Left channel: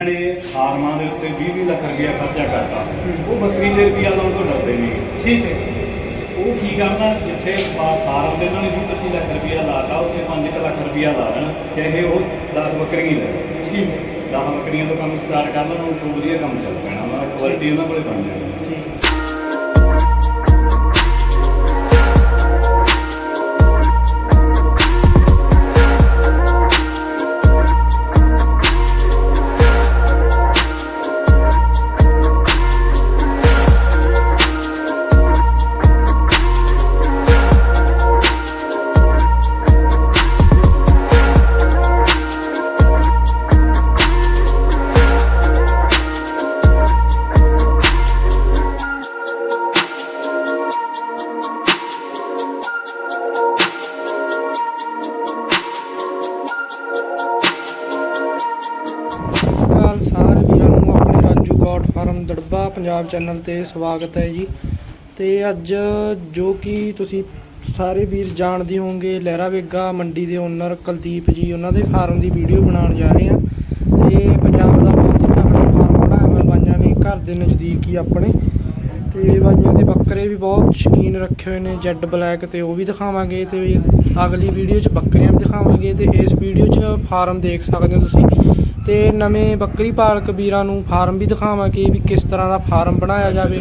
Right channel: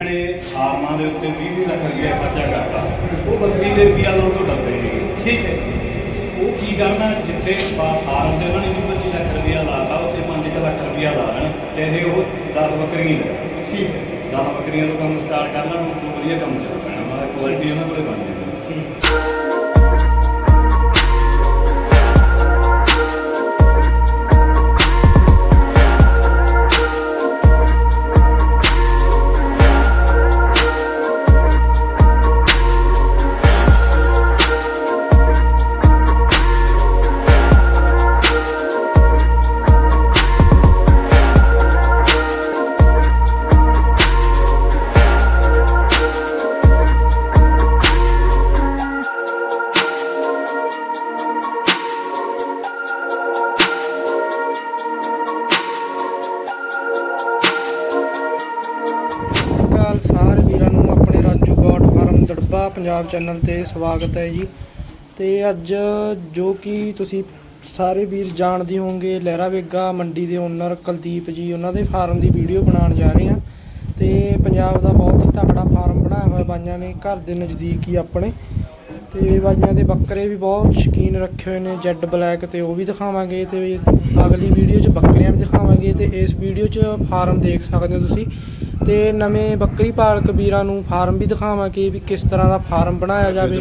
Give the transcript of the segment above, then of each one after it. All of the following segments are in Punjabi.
ਨੇ ਫਾਰਮਾਂ ਦੇ ਉੱਤੇ 20 ਲੱਖ ਰੁਪਇਆ ਖਰਚਾ ਕਰਤਾ। ਉਹ ਬੱਕਰੀ ਦੇ ਰੁਪਇਆ ਲਾਉਣ ਤੋਂ ਡਰਦੇ ਨਹੀਂ। ਠੀਕ ਹੈ। ਉਹ ਕੀ ਕਰਨਾ ਜਿੱਥੇ ਫਾਰਮ ਤੇ ਉਹਨਾਂ ਨੇ 20 25 ਲੱਖ ਰੁਪਇਆ ਲਾਤਾ ਉੱਥੇ 5 ਲੱਖ ਰੁਪਇਆ ਲਾ ਲੈਣ ਚਾਹੇ ਉਹ 10 ਬੱਕਰੀਆਂ ਲੈ ਠੀਕ ਹੈ। 10 ਬੱਕਰੀਆਂ ਤੋਂ ਕੰਮ ਸਟਾਰਟ ਕਰ ਲੈਣ ਤੋਂ ਵਧੀਆ ਕੰਮ ਚੱਲ ਪੈਣਾ ਵਾ ਕੁਆਲਿਟੀ ਉਹਨਾਂ ਕੋਲੇ ਬਣ ਜਾਣੀ। ਠੀਕ ਚੈਨਲ ਤੇ ਸਵਾਗਤ ਹੈ ਜੀ। ਤੇ ਅੱਜ ਜੋ ਕਿ ਤੁਸੀਂ ਸਾਰੇ ਵੀਰ ਜਾਣਦੇ ਹੋਵੋਗੇ, ਲਹਿਰਾ ਵੇਗਾ ਮੰਡੀ ਦੇ ਓਨਰ ਕੁਲਦੀਪ ਜੀ, ਉਹਨਾਂ ਦੇ ਫਾਰਮ ਦੀ ਵੀਡੀਓ ਬਣਾਉਣ ਜਾ ਰਹੇ ਹਾਂ। ਤੇ ਪੰਜਾਬ ਦਾ ਬਹੁਤ ਹੀ ਤਕੜਾ ਫਾਰਮ ਬਣਾਇਆ ਹੋਇਆ ਬਾਈਆਂ ਨੇ, ਘਰ ਦੇ ਨਜ਼ਦੀਕ ਹੀ ਆਪਣੇ। ਤੇ ਬਾਈਆਂ ਦੇ ਬੱਕਰੇ ਵੀ ਬਹੁਤ ਸ਼ੌਕੀਨ ਰੱਖੇ ਹੋਏ ਨੇ, ਜੈਡ ਬਲੈਕ ਤੇ ਉਹ ਵੀ ਦਿਖਾਵਾਂਗੇ। ਤੇ ਅਗਲੀ ਵੀਡੀਓ 'ਚ ਬੱਕਰੀਆਂ ਵੀ ਦਿਖਾਵਾਂਗੇ। ਤੇ ਇਸ ਵੀਡੀਓ 'ਚ ਫਾਰਮ ਦੇਖ ਸਕਦੇ ਹੋ ਤੁਸੀਂ। ਤੇ ਨਵੇਂ ਬੱਕਰੀ ਪਾਲਕ ਵੀਰਾਂ ਨੂੰ ਫਾਰਮ ਵੀ ਦਿਖਾਵਾਂਗੇ ਵੀ ਕਿਸ ਤਰ੍ਹਾਂ ਦਾ ਫਾਰਮ ਬਣਾਇਆ ਜਾਵੇ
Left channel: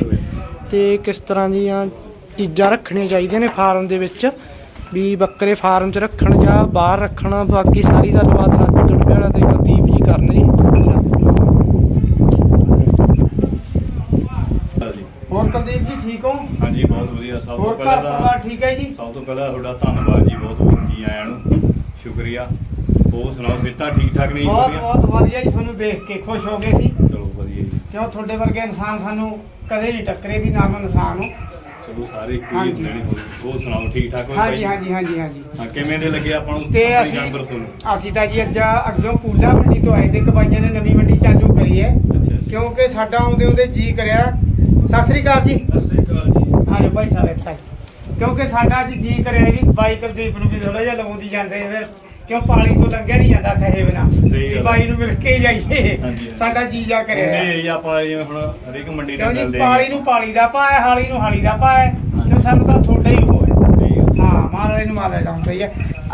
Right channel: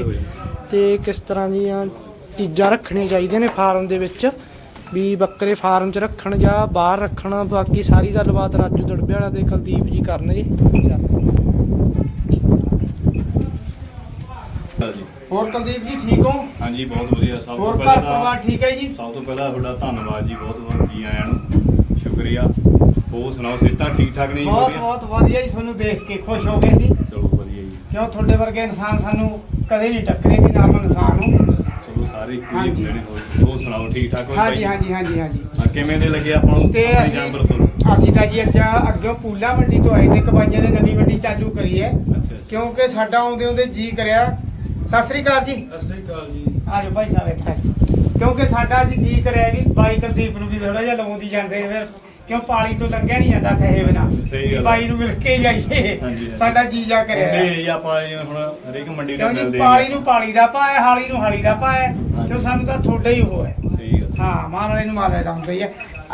ਤੇ ਕਿਸ ਤਰ੍ਹਾਂ ਦੀਆਂ ਚੀਜ਼ਾਂ ਰੱਖਣੀਆਂ ਚਾਹੀਦੀਆਂ ਨੇ ਫਾਰਮ ਦੇ ਵਿੱਚ ਵੀ ਬੱਕਰੇ ਫਾਰਮ 'ਚ ਰੱਖਣ ਜਾਂ ਬਾਹਰ ਰੱਖਣ ਬਾਕੀ ਸਾਰੀ ਗੱਲਬਾਤ ਰਾਜੂ ਦੜਬੇ ਵਾਲਾ ਤੇ ਕੁਲਦੀਪ ਜੀ ਕਰਨ ਜੀ। ਹਾਂਜੀ। ਹੋਰ ਕੁਲਦੀਪ ਜੀ ਠੀਕ ਹੋ? ਹਾਂਜੀ ਬਹੁਤ ਵਧੀਆ ਸਭ ਤੋਂ ਹੋਰ ਪਹਿਲਾਂ ਘਰ ਪਰਿਵਾਰ ਠੀਕ ਹੈ ਜੀ? ਸਭ ਤੋਂ ਪਹਿਲਾਂ ਤੁਹਾਡਾ ਧੰਨਵਾਦ ਜੀ ਬਹੁਤ ਬਹੁਤ ਜੀ ਆਇਆਂ ਨੂੰ। ਸ਼ੁਕਰੀਆ। ਹੋਰ ਸੁਣਾਓ ਸਿਹਤਾਂ ਠੀਕ ਠਾਕ ਨੇ ਜੀ ਬਹੁਤ ਵਧੀਆ? ਬਹੁਤ ਵਧੀਆ ਜੀ ਤੁਹਾਨੂੰ ਦੇਖ ਕੇ ਖੁਸ਼ ਹੋ ਗਏ ਸੀ। ਚਲੋ ਵਧੀਆ ਜੀ। ਕਿਉਂ ਤੁਹਾਡੇ ਵਰਗੇ ਇਨਸਾਨ ਸਾਨੂੰ ਕਦੇ ਨਹੀਂ ਟੱਕਰੇ ਕਿ ਨਾਰਮਲ ਇਨਸਾਨ ਨੂੰ। ਚਲੋ ਸਾਰੇ ਇੱਕੋ ਹੀ ਹਾਂਜੀ। ਹੁੰਦੇ ਨੇ ਹੋਰ- ਹੋਰ ਸੁਣਾਓ ਠੀਕ ਠਾਕ ਹੋ ਹਾਂਜੀ ਹਾਂਜੀ ਹਾਂਜੀ ਹਾਂਜੀ। ਹਾਂ, ਕਿਵੇਂ ਦੇ ਲੱਗੇ ਆਪਾਂ ਨੂੰ ਤੇ ਆਪਣੀ ਅਸੀਂ ਜਾਨਵਰ ਸੁਣੋ? ਅਸੀਂ ਤਾਂ ਜੀ ਅੱਜ ਅੱਗੇ ਪੂਲਾ ਮੰਡੀ ਤੋਂ ਆਏ ਤੇ ਕਬਾਈਆਂ ਨੇ ਨਵੀਂ ਮੰਡੀ ਚਾਲੂ ਕਰੀ ਹੈ। ਅੱਛਾ ਕਿਉਂਕਿ ਸਾਡਾ ਆਉਂਦੇ ਆਉਂਦੇ ਜੀ ਕਰਿਆ। ਸਤਿ ਸ੍ਰੀ ਅਕਾਲ ਜੀ। ਸਤਿ ਸ੍ਰੀ ਅਕਾਲ ਜੀ। ਆਜੋ ਭਾਈ ਸਾਹਿਬ ਇੱਥੇ ਕਿਉਂਕਿ ਸਾਡਾ ਅੱਜ ਜੀ ਕਰਿਆ ਕਿ ਬਾਈ ਕੁਲਦੀਪ ਨੂੰ ਵੀ ਥੋੜਾ ਜਿਹਾ ਲਵਾਉਂਦੀ ਜਾਂਦੇ ਫਿਰ। ਕਿਉਂ ਪਾਲੀ ਤੋਂ ਲੰਘਿਆ ਨਹੀਂ ਜਾਂਦਾ ਕਹੇ ਬਿਨਾ? ਸਹੀ ਗੱਲ। ਬਾਈ ਨੂੰ ਮਿਲ ਕੇ ਜਾਈਏ। ਹਾਂਜੀ। ਸਾਡਾ ਜੀ ਜਾ ਕਰਿਆ। ਹੁੰਦੇ ਆਪਾਂ ਜਿਵੇਂ ਹੁਣ ਹਰੇਕ ਮੰਡੀ ਕਿਉਂ ਨਾਲ ਜੀ ਮਿਲਦੇ ਪਾਲੀ ਨੂੰ ਪਾਲੀ ਦਾ ਪਾਇਆ ਹਾਲੀ ਨੂੰ ਹਾਲੀ ਦਾ ਪਾਇਆ। ਤੇ ਸਾਨੂੰ ਤਾਂ ਥੋੜਾ ਹੀ ਹੋਇਆ ਸਹੀ ਗੱਲ ਹਾਂ ਮਾਰ ਵਾਲੇ ਨੂੰ ਮਾਰ ਲੈ ਜਾਂਦਾ ਹੀ ਹੈ।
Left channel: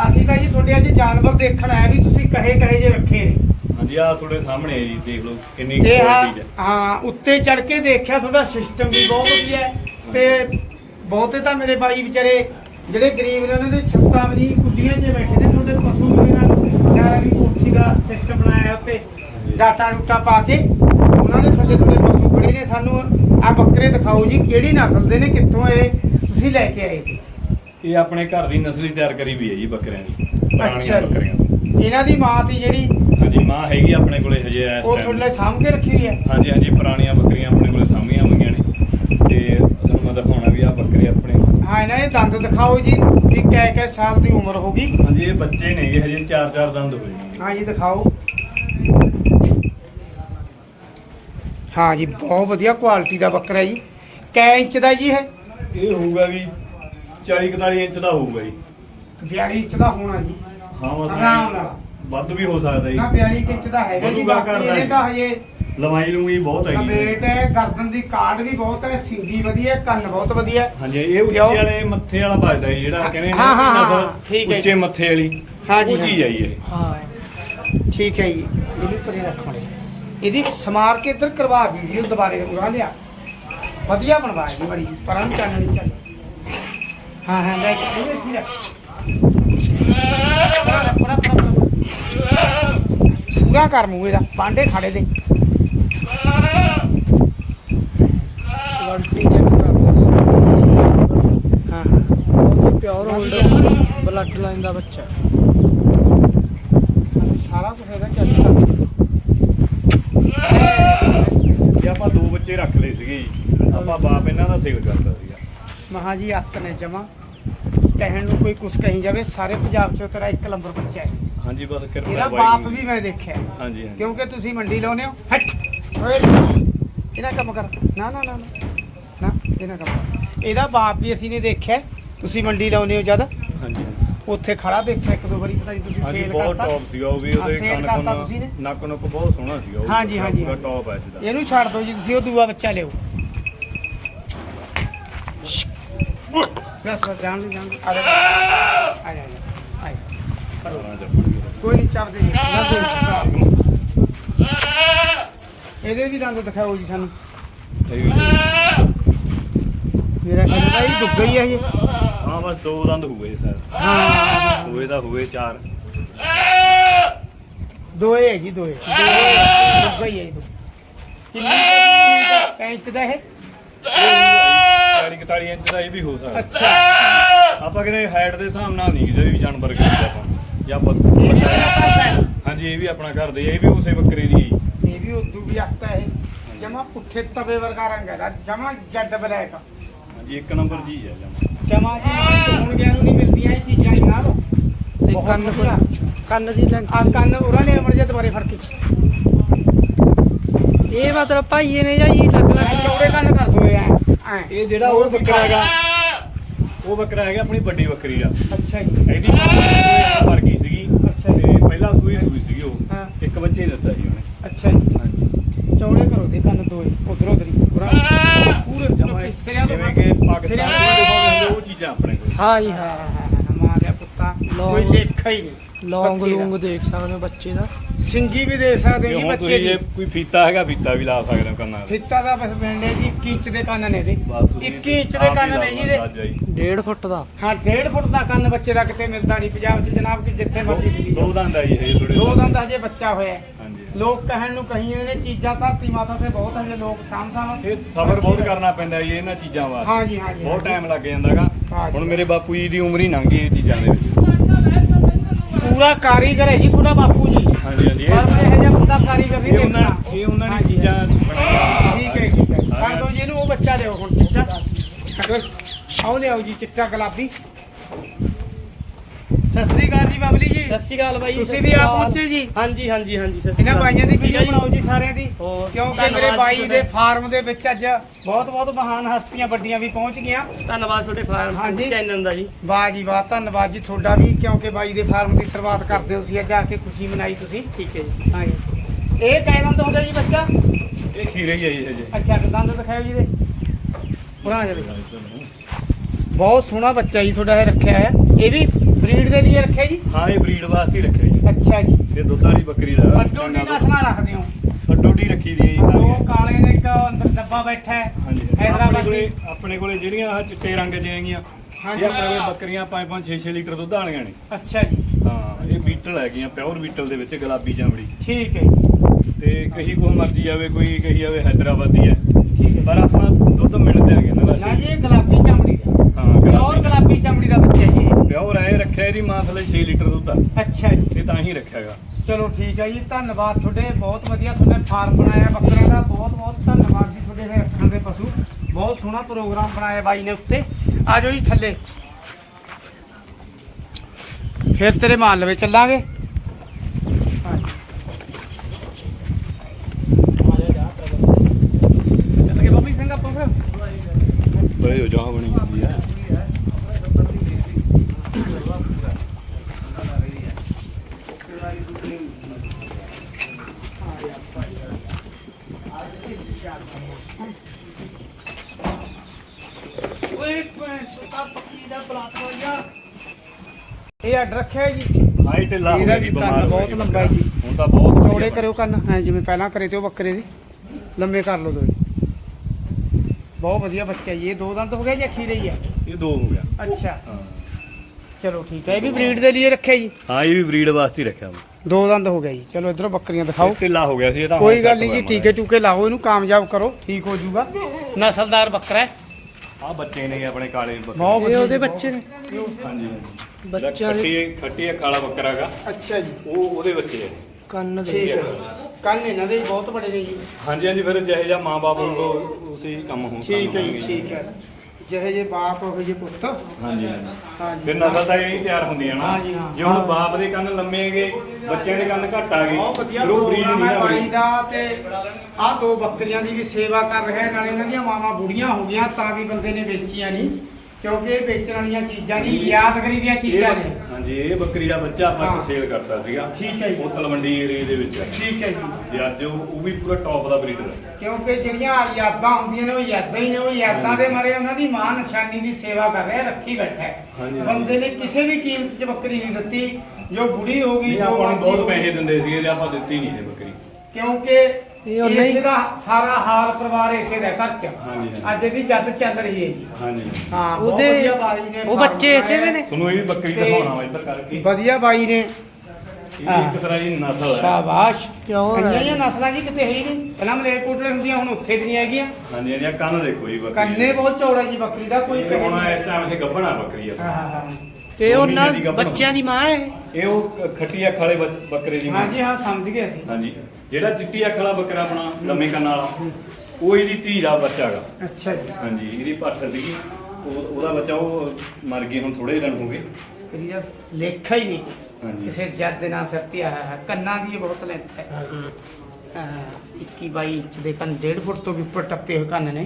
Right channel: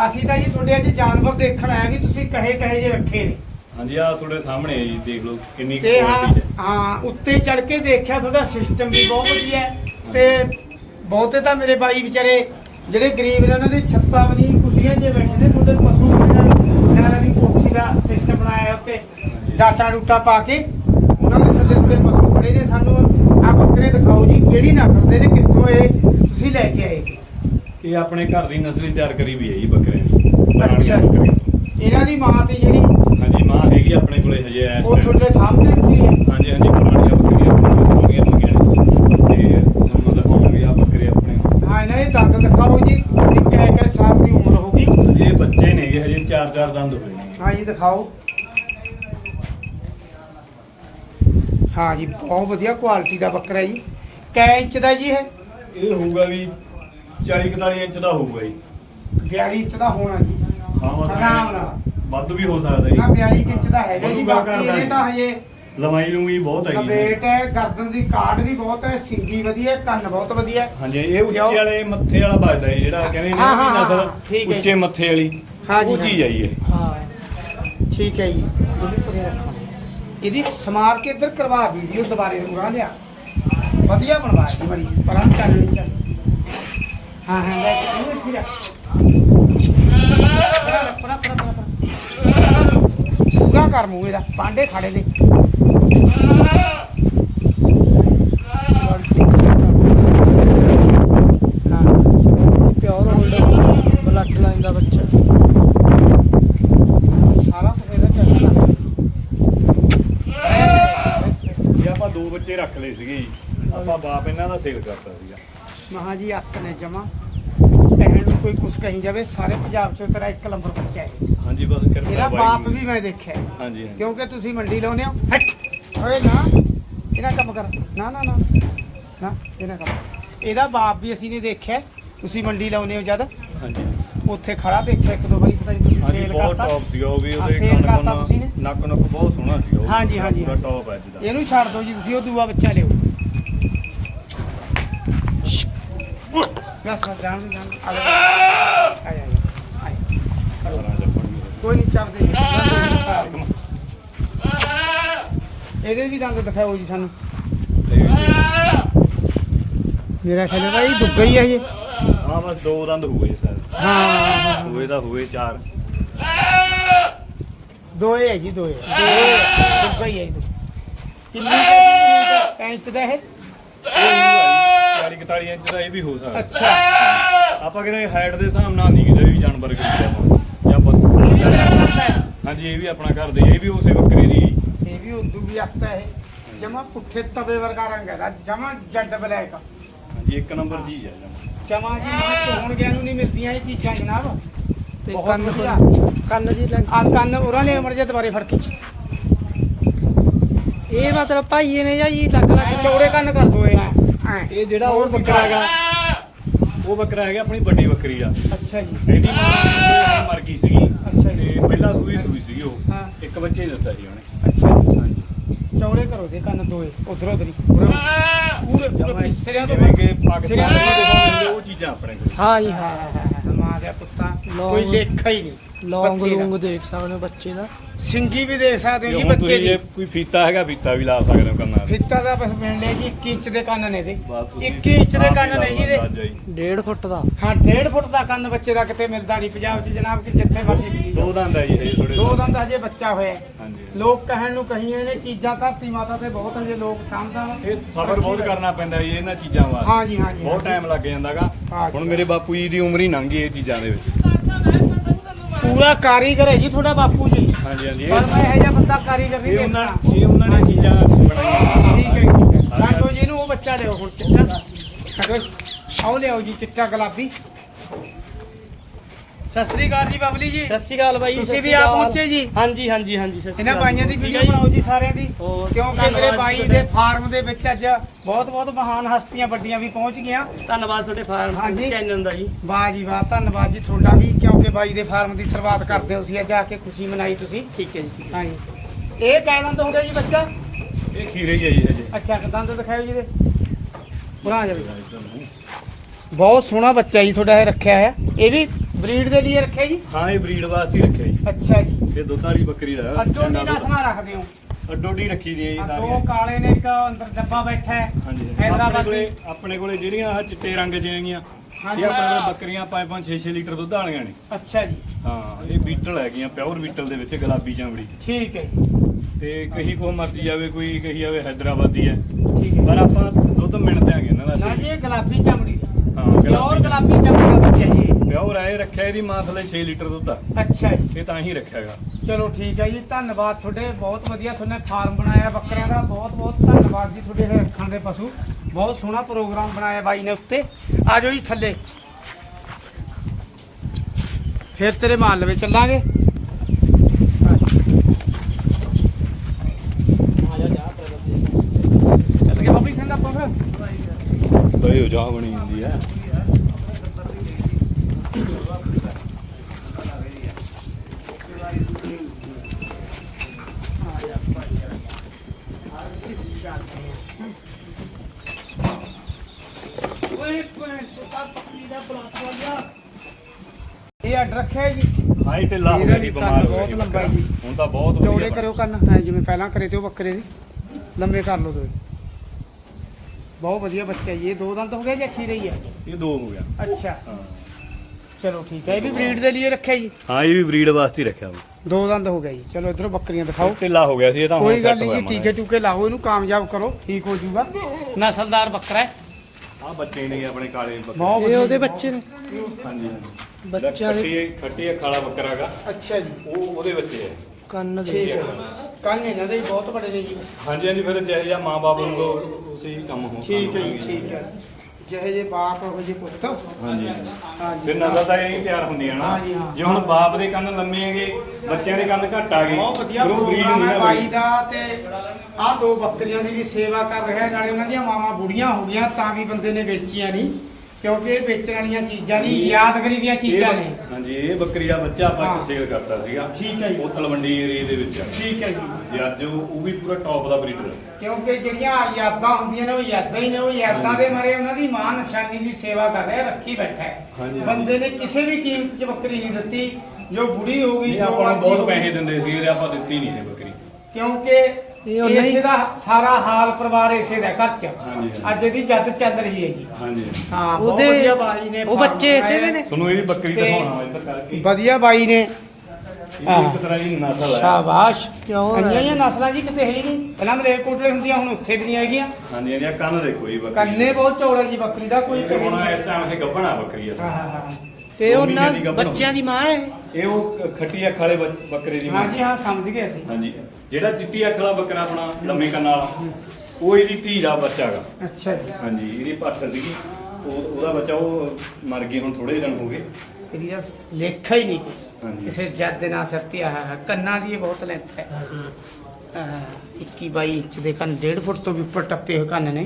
ਅਸੀਂ ਤਾਂ ਜੀ ਤੁਹਾਡੇ ਅੱਜ ਜਾਨਵਰ ਦੇਖਣ ਆਏ ਵੀ ਤੁਸੀਂ ਕਹੇ ਕਹੇ ਜੇ ਰੱਖੇ ਨੇ। ਹਾਂਜੀ ਆ ਤੁਹਾਡੇ ਸਾਹਮਣੇ ਹੈ ਜੀ ਦੇਖ ਲਓ ਕਿੰਨੀ ਤੇ ਹਾਂ ਕੁਆਲਿਟੀ ਹੈ। ਹਾਂ ਉੱਤੇ ਚੜ ਕੇ ਦੇਖਿਆ ਤੁਹਾਡਾ ਸਿਸਟਮ ਵੀ ਬਹੁਤ ਵਧੀਆ ਹੈ। ਤੇ ਬਹੁਤੇ ਤਾਂ ਮੇਰੇ ਬਾਈ ਵਿਚਾਰੇ ਜਿਹੜੇ ਗਰੀਬ ਨੇ ਉਹਨਾਂ ਦੇ ਛੱਤਾਂ ਵੀ ਨਹੀਂ ਕੁੱਲੀਆਂ 'ਚ ਬੈਠੇ ਨੇ। ਤੁਹਾਡੇ ਨਾਲ ਨਾਲ ਵੀ ਕੋਠੀ ਦਾ ਸਿਸਟਮ ਬਣਾਇਆ ਉੱਤੇ ਡਾਟਾ ਡੂਟਾ ਪਾ ਕੇ ਉਹਨਾਂ ਦੇ ਥੱਲੇ ਥੋੜੇ ਪਸ਼ੂ ਖੜੇ ਨੇ ਸਾਨੂੰ ਆ ਬੱਕਰੇ ਦਿਖਾਓ ਜੀ ਕਿਹੜੀ ਨਸਲ ਦੇ ਨੇ ਕਿੱਥੋਂ ਇਹ ਤੁਸੀਂ ਲੈ ਕੇ ਆਏ ਜੀ? ਇਹ ਆਪਣੇ ਘਰ ਦੀ ਨਸਲੀ ਤਿਆਰ ਕਰੀ ਵੀ ਹੈ ਜੀ ਬੱਕਰਿਆਂ ਦੀ ਅੱਛਾ ਇਹਨਾਂ ਦੀ ਮਾਂ ਤੇ ਜਿਹੜੀ ਹਾਂਜੀ ਮਾਂ ਹੈਗੀ ਆਪਣੇ ਕੋਲੇ ਹਜੇ ਐਸ ਉਹ। ਤੁਹਾਡੇ ਸਾਹਮਣੇ ਰੱਖੀ ਹੈ? ਹਾਂਜੀ ਹਾਂਜੀ ਪੁਰਾਣੀਆਂ ਬੱਕਰੀਆਂ ਆਪਣੇ ਕੋਲੇ ਸਾਂਭੀਆਂ ਹੋਈਆਂ ਨੇ ਤੇ ਤੁਹਾਨੂੰ ਮੈਂ ਦਿਖਾਉਣਾ ਵੀ ਆ ਬੱਕਰੇ ਆਪਣੇ ਹਾਂ ਇਹਨਾਂ ਦੇ ਦੰਦ ਦਿਖਾਓ ਜੀ ਵੀ ਕੈ ਕੈ ਸਾਲ ਦੀ ਉਮਰ ਹੋਗੀ ਹਾਂਜੀ ਇਹ ਬੱਚੇ ਨੇ ਜੀ ਹਜੇ ਚਾਰ ਚਾਰ ਦੰਦ ਹੋਏ ਨੇ। ਹਾਂ ਜੀ ਦਿਖਾਓ। ਹਾਂ ਜੀ ਬਹੁਤ ਵਧੀਆ ਕੁਆਲਿਟੀ ਦਾ ਬੱਕਰਾ ਜੀ। ਕੈ ਇੰਚ ਦਾ ਜੀ ਇਹ? ਇਹ ਹੋਊਗਾ ਵੀ 40 41 ਇੰਚ ਦਾ ਹੋਊਗਾ ਜੀ। 42 ਇੰਚ ਦਾ ਹੋਣਾ ਜੀ। ਹਾਂ ਬਸ। ਆਰਾਮ ਨਾਲ। ਵੱਧ ਵੀ ਹੋ ਸਕਦਾ ਜੀ। ਨਾ 42 ਕੁ ਇੰਚ ਦਾ ਹੈਗਾ ਜੀ ਬਾਕੀ ਇਹਨੇ ਤਾਂ। ਹਜੇ ਲੰਬਾਈ ਲੂੰਗੀ ਬਹੁਤ ਹੈਗੀ ਹੈ ਸਪੇਟ ਹੈ ਗਰਦਨ ਦੀ ਕਾਟ ਵੀ ਬਹੁਤ ਹੈ ਸਿੰਗੀ ਵਧੀਆ ਕੰਨ ਬਹੁਤ ਵਧੀਆ। ਹਾਂਜੀ ਇਹ ਉੱਚੇ ਕਿਉਂ? ਵਾਲੇ ਮੱਥੇ ਵਾਲਾ ਵੱਜਦਾ ਜੀ ਜਿਹੜਾ ਕਹਿੰਦੇ ਨੇ ਹਾਂ, ਹਾਂ, ਨਾ ਹਾਂ, ਨਸਲ ਠੀਕ ਹੈ ਉੱਚੇ। ਮੱਥੇ ਵਾਲੀ ਹਾਂ ਜੀ, ਉਹ ਹਾਂ। ਚੀਜ਼ ਆਈ ਹੈ ਹਾਂ ਠੀਕ ਹੈ ਜੀ ਇਹ ਵੀ ਪਰੇ ਰੱਖਾਂਗੇ ਇਹਦੀ ਸਮਾਰ ਕੇ ਇੱਧਰ ਕਰਵਾ ਵੀਡੀਓ ਦੁਬਾਰੇ ਬੁਰਾ ਲਿਆ ਵਧੀਆ ਬਣਵਾਇਆ ਜੀ ਬੜੀ ਪਰਾਂ ਚੱਲ ਚੱਲ ਹਾਂ ਹਾਂ ਲੈ ਕੇ ਆਈ ਇੱਥੇ ਰੱਖ ਪਰਾਂ ਕਰ ਮੂੰਹ ਇਹਦਾ ਪਾਂਡੇ ਖਾੜੇ ਦੇ ਹਾਂ ਇਹ ਪਿਓਰ ਹੋਲਡ ਬਲੱਡ ਲਾਈਨ ਦਾ ਬੱਚਾ ਹੈ। ਸਾਰਾ ਕੁਝ ਇਹਦਾ ਚੱਲ ਇਹ ਆਪਾਂ ਦੋ ਬੱਚੇ ਰੱਖ ਲਏ ਸੀਗੇ ਜੀ। ਆਪਾਂ ਬਾਪ ਇਹਨਾਂ ਦਾ ਸੇਲ ਕਰਦਾ ਸੀਗਾ। ਮਹਾ ਜੀ ਅੱਤ ਨੇ ਜਮਾ। ਕਹਿਣ ਨੂੰ ਕੋਈ ਕੁਛ ਕਹੀ ਜਾਵੇ ਸਾਰੇ ਪੰਜਾਬ ਚੋਂ ਤੇਰਾ ਇੱਕ ਨੰਬਰ ਬੱਚਾ ਹੈ। ਹਾਂਜੀ ਬਸ ਕਿਰਪਾ ਇਹਦਾ ਹੈ ਬਾਪ ਵੀ ਮੈਂ ਦੇਖਿਆ ਹੈ। ਹਾਂਜੀ ਹਾਂਜੀ। ਕਿਉਂਕਿ ਤੁਸੀਂ ਮੰਡੀ ਲਾਉਨੇ ਹੋ ਹਟ ਓਏ ਨਾ ਇਹਨਾਂ ਕੰਮ ਕਰ ਨਾ ਨਾ ਨਾ ਨਾ ਇਹਨਾਂ ਕੰਮ ਕਰ। ਇਹਦਾ ਬਾਪ ਵੀ ਅਸੀਂ ਨੇ ਦੇਖਿਆ। ਤੁਸੀਂ ਮੰਡੀ ਲਾਉਨੇ ਹੋ ਜਦ ਹਾਂਜੀ। ਉੱਥੇ ਖੜਾ ਦੇਖਿਆ ਇੱਕ ਦੋ ਵਾਰੀ ਪਤਾ ਨਹੀਂ ਤੁਸੀਂ ਹਾਂਜੀ ਸੇਲ ਬਹੁਤ ਕਰਤਾ ਟੌਪ ਸੀਗਾ ਉਹ ਵੀ ਉਹਦੇ sale ਕਰਤਾ ਤੁਸੀਂ ਨੇ? ਕੰਨ ਨੱਕ ਨੁੱਕ ਬਹੁਤ ਸੋਹਣਾ ਸੀਗਾ ਉਹ ਹਾਂਜੀ, ਹਾਂਜੀ, ਪੂਰਾ ਹਾਂਜੀ। ਟੌਪ ਹੈ ਜਿਹਦਾ ਇਹਨੂੰ ਛੱਡ ਦਿਓ ਜੀ ਤੁਸੀਂ ਉਹ ਦੂਆ ਬੱਚਾ ਲਿਓ ਬਸ ਬਸ ਜਾਣ ਦਿਓ, ਜਾਣ। ਆ ਜਾਓ। ਆ। ਸਾਰਾ ਜੰਮਣਗੇ। ਕੋਈ ਨਹੀਂ ਚੱਪਦੇ ਜੀ ਇਹਦੇ ਵੀ ਦੰਦ ਦਿਖਾਓ ਜੀ ਸਾਨੂੰ। ਮੇਰਾ ਖਿਆਲ ਭਾਈ ਦੁੱਗਾ ਹੀ ਹੈ ਇਹ। ਹਾਂ ਬਸ ਦੋ ਦੰਦ ਹੋਏ ਜੀ ਸਰ। ਹਾਂ। ਹੋਏ ਤਾਂ ਹੋਏ ਚਾਰ। ਦੋਏ ਹੈ ਜੀ ਦੋਏ। ਦੁੱਗਾ ਹੀ ਹੈ ਜੀ। ਕਿੰਨੀ ਦਾ ਕੈਂਚ ਦਾ ਇਹ? ਇਹ 41 ਇੰਚ ਦਾ ਇਹ ਵੀ ਹੋ ਸਕਦਾ। ਅੱਛਾ। ਆਪਾਂ ਕਿਤੇ ਹਾਈਟ ਦੇ ਹਿਸਾਬ ਨਾਲ ਨਹੀਂ ਜਿਹੜੇ ਵੀ ਜਾਨਵਰ ਖਰੀਦਦੇ ਆਪਾਂ। ਜਾਂ ਬ- ਇਹ ਵੀ ਮੇਰਾ ਕਰਦਾ ਹੈ। ਹਾਂਜੀ ਇਹ ਵੀ ਆਪਣਾ ਘਰ ਦੇ ਇਹ ਵੀ ਉਸੇ ਬੱਕਰੀ ਦੀ ਜੀ। ਉਦੋਂ ਵੀ ਆਤਾ ਹੈ ਜਮਾ ਪੁੱਠੇ ਤਵੇ ਵਰਗਾ ਰੰਗ ਹੈ। ਜਮਾ ਜੱਡ ਬਲੈਕ। ਹਾਂਜੀ ਇੱਕ ਨੰਬਰ ਚੀਜ਼ ਹੈ ਜਮਾ। ਜਮਾ ਜੀ ਹੁਣ ਗਿਆ ਨੂੰ ਨਹੀਂ ਮਿਲਦੀਆਂ ਇਹ ਚੀਜ਼ਾਂ ਜਨਾਬ ਤੇ ਬਹੁਤ ਕੰਨ ਵਧੀਆ। ਕੰਨ ਦੀ ਲੈਂਥ ਆ ਕੰਨ ਉਹਨਾਂ ਨੇ ਅਮਰ ਜਤ ਬਾਰੇ ਫੜ ਕੇ। ਇਹ ਮਤਲਬ ਭਾਈਏ ਨੇ ਜਾਂ ਜੀ ਲੱਗ ਲੱਗ ਚੌੜੇ ਕੰਨ ਕਰ ਦੋ ਐ। ਇਹ ਜਿਹੜਾ ਉਹ ਬੱਕਰਾ ਹੈਗਾ ਉਹ ਬੱਕਰਾ ਹੈਗਾ ਆਪਣੀ ਵੱਡੀ ਬੱਕਰੀ ਦਾ। ਅੱਛਾ ਜੀ। ਇਹਦੀ ਮਾਂ ਮਰ ਗਈ ਸੀਗੀ ਅੱਛਾ ਜੀ। ਤੇ ਪਹਿਲਾਂ ਸੂਈ ਸੂਈ ਸੀਗੀ ਉਹ। ਹਾਂ। ਇੱਕ ਬੱਚੇ ਦਿੱਤਾ ਸੀ ਉਹਨੇ। ਅੱਛਾ ਜੀ। ਚੌੜੇ ਕਰੋ ਦੇ ਕੰਨ ਦੋਏ ਉਧਰ ਉਧਰ। ਹੀ ਪੂਰੇ ਜਮਾ ਸਿਰਿਆਂ ਤੋਂ ਜਿਵੇਂ ਕਿ ਪਾਕਿਸਤਾਨ ਦੇ ਦਿਖਾਉਂਦੇ ਹੁੰਦੇ ਉਹ ਚੀਜ਼ਾਂ ਆਪਣੇ ਕੋਲ। ਹਾਂ ਜੀ ਹਾਂ। ਮਾਰਿਆ ਪੁੱਤਾਂ ਲੌਂਗ। ਕੋਈ ਲੇਖਾ ਹੀ ਨਹੀਂ। ਲੌਂਗ ਬੱਚੇ ਦਾ। ਲੂੰਗ ਦੇਖ ਸਕਦੇ ਹੋ ਬੱਚੇ ਦਾ। ਸਿੰਗੀ ਵੀ ਦੇ ਸਕਦੇ ਜੇ ਹੋ ਜੀ ਹੁਣ ਬੱਚੇ ਤੁਸੀਂ ਜੇ ਦੀ ਕੋਈ ਫੀਤਾ ਹੈਗਾ ਫੀਤਾ ਵੀ ਲਾ ਸਕਦੇ ਹੋ ਕੰਨਾਂ ਤੇ। ਫਿੱਤਾ ਦਾ ਬਸ ਮਿਲਣੇ ਜੀ 1 ਇੰਚ ਦੇ ਕੰਨ ਨੇ ਦੇ ਬਸ ਤੁਸੀਂ 1 ਇੰਚ ਦੇ ਆਪ ਹੀ ਕੰਨ ਲਾ ਨੇ ਜੀ ਲਓ ਦੇ ਅੰਦਾਜ਼ਾ ਜੀ। ਡੇਢ ਫੁੱਟ ਦਾ। ਹਾਂ 1.5 ਫੁੱਟ ਦਾ ਕੰਨ ਬੱਚੇ ਦਾ ਕਿਤੇ ਮਿਲਦਾ ਨਹੀਂ। ਪੰਜਾਬ 'ਚ ਜਨਾਬ ਕਿ ਜਿੱਥੇ ਮਰਜ਼ੀ ਮਿਲੀ। ਦੋ ਦੰਦ ਹੈ ਜੀ ਇਹ ਥੋੜੇ ਦੋ ਦੰਦ ਹਜੇ ਬੱਚਾ ਹੋਇਆ। ਹੈ। ਹਾਂਜੀ। ਲੋਕ ਕਹਿਣ ਨੂੰ ਕਹੀਏ ਨੇ ਚੀਜ਼ਾਂ ਧਰਤੀ ਮਾਤਾ ਤੇ ਬਹੁਤ ਹਜੇ ਲੋਕ ਸਾਂਭ ਸਾਂਭ। ਇਹ ਸਬਰ ਬਹੁਤ ਕਰਨਾ ਪੈਂਦਾ ਜੀ ਇਹਨਾਂ ਚੀਜ਼ਾਂ ਵਾਸਤੇ। ਹਾਂ ਜੀ ਹਾਂ ਜੀ ਬਹੁਤ ਟਾਈਮ ਲੱਗ ਜਾਂਦਾਗਾ। ਹੁਣ ਮੇਰੇ ਬਾਪੂ ਜੀ ਦੀ ਉਮਰ ਹੀ ਲੰਘ ਗਈ ਇਹ ਚੀਜ਼ਾਂ ਦੇ ਵਿੱਚ। ਪੂਰਾ ਕਾਰੀਗਰ ਹੈ ਜੀ ਤੁਹਾਡਾ ਬਾਪੂ ਜੀ। ਹਾਂਜੀ ਹਾਂਜੀ ਪਰ ਇਹ ਜਿਹਾ ਬੰਦਾ ਕਾਰੀਗਰ ਨਹੀਂ ਇਹ ਉਹਨਾਂ ਦੇਖਣਾ ਇਹ ਉਹਨਾਂ ਨੇ ਚੀਜ਼ਾਂ ਬਣਾਈਆਂ। ਠੀਕ ਹੈ ਠੀਕ ਹੈ ਜੀ ਨੂੰ ਉਹ ਬੱਚਾ ਦਿਓ ਹੁਣ ਚਿੱਟਾ। ਆਓ ਲਿਆਓ ਜੀ ਚਿੱਟਾ ਗੁਲਾਬੀ। ਸਤਿ ਸ੍ਰੀ ਅਕਾਲ ਜੀ ਬਬਲੀ ਜੀ। ਸਤਿ ਸ਼੍ਰੀ ਅਕਾਲ ਬਾਈ ਤੁਸੀਂ ਵੀ ਆ। ਪਹੁੰਚੇ ਜੀ? ਹਾਂਜੀ ਹਾਂਜੀ ਹਾਂਜੀ ਸਤਿ ਸ਼੍ਰੀ ਇਹਨਾਂ ਅਕਾਲ। ਬਾਈਆਂ ਦੀ ਵੀਡੀਓ ਹੈ ਜੀ। ਬਣਾਓ ਜੀ ਸਾਰਿਆਂ ਦੀ। ਹੋਰ ਕਿਉਂਕਿ ਮੇਰੇ ਧੰਨਵਾਦ ਬਾਈ ਦੇ ਤੁਹਾਡਾ। ਫਾਰਮ ਦੇ ਵਿੱਚ ਅੱਜ ਬਹੁਤ ਬਹੁਤ ਮਹਾਨ ਹਸਤੀਆਂ ਵੱਡੀਆਂ ਵੀ ਪਹੁੰਚ ਗਈਆਂ। ਧੰਨਵਾਦ ਤੁਹਾਡੇ ਫਾਰਮ ਹਾਂਜੀ। ਚੈਨਲ ਦਾ ਜੀ। ਵਾਹ ਜੀ ਵਾਹ ਧੰਨਵਾਦ ਜੀ ਤੁਹਾਡਾ ਵੀ ਕਿਉਂਕਿ ਬਾਈ ਦੇ ਫਾਰਮ ਦੀ ਸ਼ੁਰੂਆਤ ਕਰਦੇ ਹੋ ਸੀ ਅੱਜ ਆ ਕੇ ਖੁਸ਼ੀ ਮਨਾਈ ਤੁਸੀਂ। ਠੀਕ ਹੈ ਜੀ। ਹਾਂਜੀ। ਇਹ ਕਾਇਦਾਂ ਤੋਂ ਹੋ ਗਿਆ ਜੀ ਬੱਚਾ? ਇਹ ਖੀਰੇ ਹੀ ਆ ਜੀ ਹਜੇ। ਅੱਛਾ ਦੰਦ ਦਿਖਾਓ ਜੀ ਦੇ ਪੁਰਾ ਜਾਵੇ ਬਹੁਤ ਸੋਹਣਾ ਬੱਚਾ ਜੀ ਤੁਹਾਡਾ ਇਹ ਰੱਖਿਆ ਹੈ। ਇਹ ਵੀ ਬਰੀਡ ਦੇ ਲਈ ਰੱਖਿਆ ਜੀ? ਹਾਂ ਇਹ ਬਰੀਡ ਵਾਸਤੇ ਹੀ ਰੱਖਿਆ ਜੀ। ਅੱਛਾ ਜੀ। ਇਹ ਦੁੱਧ ਵਾਲੀ ਬੱਕਰੀ ਦਾ ਅੱਡੋ ਦੀ ਨਸਲਾਂ ਰੱਖਦੇ ਹੋ? ਅੱਡੋ ਰੱਖੀ ਦੀ ਹੈ ਜੀ ਦੋ ਕਾਲੇ ਨੇ ਇੱਕ ਅੰਦਰ ਡੱਬਾ ਬੈਠਾ ਹੈ। ਹਾਂਜੀ ਆਪਣੇ ਹੈਦਰਾਬਾਦੀ। ਕੋਲੇ ਆਪਣੇ ਕੋਲੇ ਜਿਹੜੀਆਂ ਆਹ ਚਿੱਟੇ ਰੰਗ ਦੀਆਂ ਹੈਗੀਆਂ ਹਾਂਜੀ। ਇਹ ਆਪਣੇ ਕੋਲੇ ਬੱਕਰੀਆਂ 5-5 6-6 ਲੀਟਰ ਦੁੱਧ ਵਾਲੀਆਂ ਨੇ। ਅੱਛਾ ਜੀ। ਹਾਂ ਇਹ ਬੀਟਲ ਹੈਗੀਆਂ ਪਿਓਰ ਬੀਟਲ ਦੇ ਵਿੱਚ ਗੁਲਾਬੀ ਚਮੜੀ। ਠੀਕ ਹੈ ਤੇ ਕਹੀ ਕੋ ਮਰਜ਼ੀ ਆਵੇ ਕੋਈ ਕਹੀ ਆਵੇ ਹੈਦਰਾਬਾਦੀ ਹੈ। ਪਰ ਆਪਾਂ ਦੁੱਧ ਮਿਣ ਦਿਆਂਗੇ ਇਹਨਾਂ ਦਾ ਨਾ ਜੀ ਇਹ ਗੁਲਾਬੀ ਚਮੜੀ ਦਾ ਹਾਂ ਪਿਓਰ ਗੁਲਾਬੀ ਚਮੜੀ ਦਾ ਬੱਚਾ ਜੀ ਇਹ। ਰੱਖਿਆ ਇਹਦੀ ਮਾਂ ਥਲੇ 6 ਲੀਟਰ ਦੁੱਧ ਆ। ਅੱਛਾ ਜੀ। ਇਹ ਤਾਂ ਹੀ ਰੱਖਿਆਗਾ ਚਲੋ ਠੀਕ ਹੈ ਜੀ ਧੰਨਵਾਦ ਤੁਹਾਡੇ ਬਹੁਤ ਵਧੀਆ ਤੁਹਾਨੇ ਫਾਰਮ ਬਣਾਇਆ ਬੱਕਰਾ ਦਾ ਬਹੁਤ ਬਹੁਤ ਧੰਨਵਾਦ ਜੀ ਤੁਹਾਡੇ ਰੱਖਣ ਦੇ ਪਸ਼ੂ। ਬਹੁਤ ਸੋਹਣਾ ਪ੍ਰੋਗਰਾਮ ਬਣਾਇਆ ਬਾਈ ਨੇ ਉੱਤੇ। ਆ ਜਾਓ ਜੀ ਥੱਲੇ। ਫਿਰ ਤੇਰੇ ਮਾਲ ਲਵੇ ਚੱਲਾਂਗੇ। ਚੱਲ ਗਿਆ ਬਾਬੀ ਸਿੰਘ ਆਪਾਂ ਫਿਰ। ਬਈ ਹੋ ਜਾ ਬਣੀ ਹੁੰਦੀ ਹੈ ਓਏ ਭੈਣ ਚੋਦਾ ਬੱਕਰੀ ਦਾ ਬਲਾਤ ਹੋ ਗਿਆ ਇਹ ਅੱਡ ਰੱਖਿਆ ਹੈ ਜੀ। ਹਾਈ ਢਿੱਲਾ ਹੋ ਗਿਆ ਸੀ ਇਹਦਾ ਵੀ ਬਿਮਾਰ ਹੋ ਕੰਨ ਗਿਆ ਸੀ ਬਹੁਤ ਬੱਕਰਾ ਲੰਬਾ ਜੀ। ਹੁਣ ਤਾਂ ਬਹੁਤ ਚੌੜੇ ਵਧੀਆ ਕਰਿਓ ਕੰਨ ਹਾਂ ਜਿਵੇਂ ਪਹਿਲਾਂ ਕਰੇ ਤੇ ਉਹ ਬੱਕਰੇ ਦੇ ਲੰਬੇ ਕਰ ਲਓ ਦੋਏ ਬਹੁਤ ਵਧੀਆ ਬੱਚਾ ਜੀ। ਇਹ ਦੋ ਦੰਦ ਹੋ ਗਿਆ ਜਾਂ ਖੀਰੇ ਹੀ ਆ? ਇਹ ਦੋ ਹੋ ਗਿਆ। ਅੱਛਾ। ਹਾਂ। ਚਲੋ ਠੀਕ ਹੈ ਇਹ ਵੀ ਬਰੀਡ ਦੇ ਲਈ ਰੱਖਿਆ ਜੀ? ਹਾਂ ਇਹ ਵੀ ਬਰੀਡ ਵਾਸਤੇ ਹੀ ਰੱਖਿਆ ਵਾ। ਦੋ ਦੰਦ ਹੋ ਗਿਆ ਜੀ। ਚਲੋ ਇਧਰੋਂ ਬੱਕਰੀਆਂ ਦਿਖਾਓ। ਢਿੱਲਾ ਹੋ ਗਿਆ ਸੀ ਇਹ ਤਾਂ ਹੁਣ ਕੋਈ ਗੱਲ set ਨਹੀਂ ਜੀ ਹੋਇਆ ਟੀਕੇ ਟੂਕੇ ਲਾਓ ਇਹਨੂੰ ਕਾਮਯਾਬ ਕਰੋ। ਠੀਕ ਹੋ ਜਾਊਗਾ ਨਸਲਦਾਰ ਬੱਕਰਾ ਹੈ। ਆ ਬੱਚੇ ਨੇ ਆਪਣੇ ਕਾਲੇ ਬੱਕਰੇ। ਇਹ ਉਹਦੇ ਬੱਚੇ ਨੇ। ਹਾਂਜੀ ਹਾਂਜੀ। ਬੱਚਿਆਂ ਦੇ ਖੱਟੀ ਖੱਟੀ ਕਾਲਾ ਬੱਕਰਾ ਹੈਗਾ। ਅੱਛਾ ਜੀ। ਉਹ ਉਹਦੇ ਬੱਚੇ ਹੈ ਕੰਨ ਦੇ। ਠੀਕ ਹੈ। ਕੰਨ ਇਹਨਾਂ ਦੇ ਵੀ ਬਹੁਤ ਬੜੇ ਨੇ ਜੀ। ਹਾਂਜੀ ਹਾਂਜੀ ਫਿਰ ਜਿਹੇ ਜਿਹਾ ਮਾਂ-ਬਾਪ ਹੋਊਗਾ ਉਸੇ ਹੀ ਕੰਮ ਹੋ ਠੀਕ ਹੈ ਜੀ ਠੀਕ ਹੈ। ਜਿਹੇ ਜੇ ਬਾਪ ਉਹ ਜੇ ਪੁੱਤ। ਹਾਂਜੀ ਹਾਂਜੀ। ਫਿਰ ਨਸਲ ਤਾਂ ਇਹ ਤਿਆਰ ਹੁੰਦੀ ਹੈ ਨਾ। ਹਾਂਜੀ, ਹਾਂ। ਜੇ ਹੁਣ ਬਾਪ ਦੇ ਕੰਨ ਲੰਮੇ ਹੈਗੇ ਬੱਚਿਆਂ ਦੇ ਕੰਨ ਘੱਟ ਆ ਗਏ ਬਹੁਤ ਵਧੀਆ ਫਿਰ ਉਹ breed ਪ੍ਰੋਗਰਾਮ ਨਹੀਂ ਹੈ ਨਾ ਬਾਈ। ਦਾ ਤੇ ਆਹ ਦੋ ਬੱਕਰੀਆਂ ਦੀ ਵੀ ਸੇਵਾ ਕਰ ਰਿਹਾ ਹੈ, ਨਾਲੇ ਉਹਨਾਂ ਦੀਆਂ ਮਾਵਾਂ ਬੁੜੀਆਂ ਹੋ ਗਈਆਂ ਤਾਂ ਵੀ ਬੰਦੇ ਨੇ ਵੇਚੀਆਂ ਨਹੀਂ। ਕਿਉਂਕਿ ਇਹ ਵੇਚਣ ਵਾਲੀਆਂ ਚੀਜ਼ਾਂ ਨਹੀਂ ਯਾਦਗਰੀ ਦੀਆਂ ਚੀਜ਼ਾਂ ਇਹ- ਨੇ। ਹਾਂਜੀ ਇਹ ਬੱਕਰੀ ਦਾ ਬੱਚਾ ਆਪਾਂ ਹਾਂ। ਇੱਕ ਸੇਲ ਕਰਤਾ ਸੀਗਾ। ਠੀਕ ਹੈ ਜੀ। ਉਹ ਤਲਵੰਡੀ ਏਰੀਏ ਦੇ ਵਿੱਚ ਆ। ਠੀਕ ਹੈ ਜੀ। ਜੀ ਅੱਜ ਉਹ ਉਹ ਵੀ ਪੂਰਾ ਟੌਪ ਦਾ ਬਰੀਡਰ ਹੈ। ਕਿਉਂਕਿ ਜਿਹੜੀਆਂ ਯਾਦਾਂ ਹੁੰਦੀਆਂ ਨੇ ਉਹ ਯਾਦਾਂ ਹੀ ਨੇ ਉਹ ਯਾਦਾਂ ਦੇ ਮਾਰੇ ਉਹਨਾਂ ਦੀ ਮਾਂ ਨਿਸ਼ਾਨੀ ਦੀ ਸੇਵਾ ਕਰ ਰਿਹਾ ਰੱਖੀ ਬੈਠਾ ਹੈ। ਹਾਂਜੀ। ਬੰਦੇ ਨੇ ਕਿਸੇ ਵੀ ਕੀਮਤ 'ਚ ਬੱਕਰੀ ਨਹੀਂ ਦਿੱਤੀ। ਜੋ ਬੁੜੀ ਹੋ ਗਈ ਨਹੀਂ ਜੋ ਆਪਾਂ ਨੂੰ ਮਰਜ਼ੀ ਹੋ ਬਹੁਤ ਗਈ। ਪੈਸੇ ਦਿੰਦੇ ਸੀ ਇਹਦੇ ਆਪਾਂ ਦਿੱਤੀ ਨਹੀਂ ਇਹ ਬੱਕਰੀ। ਕਿਉਂਕਿ ਇਹ ਉਹਨਾਂ ਹੀ- ਇਸੇ ਦਾ ਸਾਰਾ ਹਾਲ ਪਰਿਵਾਰ ਇਸੇ ਦਾ ਘਰ 'ਚ। ਹਾਂਜੀ, ਹਾਂਜੀ। ਅੱਜ ਇਹਦੀ ਜੱਦ ਚੱਲ ਰਹੀ ਹੈ ਜੀ। ਹਾਂਜੀ। ਹਾਂ ਬਹੁਤ ਉਹਦੇ ਵਧੀਆ ਬਾਈ ਨੇ ਉਹ ਫਾਰਮ ਬੱਚੇ ਇਸੇ ਦੇ ਨੇ? ਤੁਹਾਨੂੰ ਇਹ ਵੀ ਬੱਕਰੀ ਤੇ- ਦਿਖਾਉਣਾ ਵਾ ਇੱਧਰ ਕਰਕੇ। ਵਧੀਆ ਬਾਈ ਨੇ। ਇਹ ਇੱਕ ਤਰ੍ਹਾਂ ਦੀ ਨਸਲ ਹੈ। ਸ਼ਾਬਾਸ਼। ਕਿਉਂ ਇੰਨੀਆਂ ਹੈ? ਹੀ ਨਸਲਾਂ ਜੀ ਕਿਤੇ ਹੈ ਹੀ ਨਹੀਂ। ਪਹਿਲਾਂ ਮਲੇਰਕੋਟਲੇ ਹੁੰਦੀਆਂ ਹੁਣ ਉੱਥੇ ਵੀ ਨਹੀਂ ਹੈਗੀਆਂ। ਹਾਂਜੀ ਇਹਦੀਆਂ ਕੰਨ ਦੇਖੋ ਜੀ ਬੱਕਰੀ। ਕੰਨੇ ਬਹੁਤ ਚੌੜਾ ਜੀ ਬੱਕਰੀ ਦਾ ਕੋਈ ਹੁਣ ਇਸ ਟਾਈਮ ਇਹ ਗੱਭਣਾ ਬੱਕਰੀ ਆ। ਹਾਂ ਹਾਂ ਹਾਂ। ਤੇ ਉਹਨਾਂ। ਬੱਚਿਆਂ ਦੀ ਮਾਂ ਹੈ। ਇਹ। ਉਹ ਖੱਟੀ ਅੱਖ ਵਾਲੇ ਬੱਚ- ਬੱਕਰੇ ਦੀ ਹਾਂ ਜੀ ਹਾਂ ਸਮਝ ਗਏ ਅਸੀਂ। ਹਾਂਜੀ। ਜਿਹੜਾ ਚਿੱਟੀ ਅੱਖ ਵਾਲਾ ਬੱਕਰਾ ਆਪਣਾ ਲੰਮੇ ਕੰਨ ਵਾਲਾ ਉਹ ਇਹਦੀ ਧੀ ਦਾ ਬੱਚਾ ਹੈਗਾ। ਅੱਛਾ ਜੀ। ਹਾਂਜੀ ਇਹਦੀ ਪੱਠ ਸੀਗੀ ਉਹ ਉਹਦਾ ਬੱਚਾ ਉਹ ਮਰ ਗਏ ਹੁਣ ਥੋੜੇ ਦਿਨ ਹੋ ਗਏ। ਇਹਦੀ ਦਾ ਲੇਖਾ ਹੀ ਨਹੀਂ ਹਾਂਜੀ। ਕਿਸੇ ਜੱਦ ਦੇ ਨਾਲ ਸਰਤੀ ਆ ਹੈ ਕੰਨਾਂ ਦੀ ਇਹ ਬਹੁਤ ਲੈਂਥ ਹੈ। ਅਹ 21 22 ਇੰਚ ਦੇ ਕੰਨ 1.5 ਫੁੱਟ ਤੋਂ ਵੀ ਉੱਪਰ ਟੱਪੇ ਹੋਏ ਕੰਨ ਨੇ।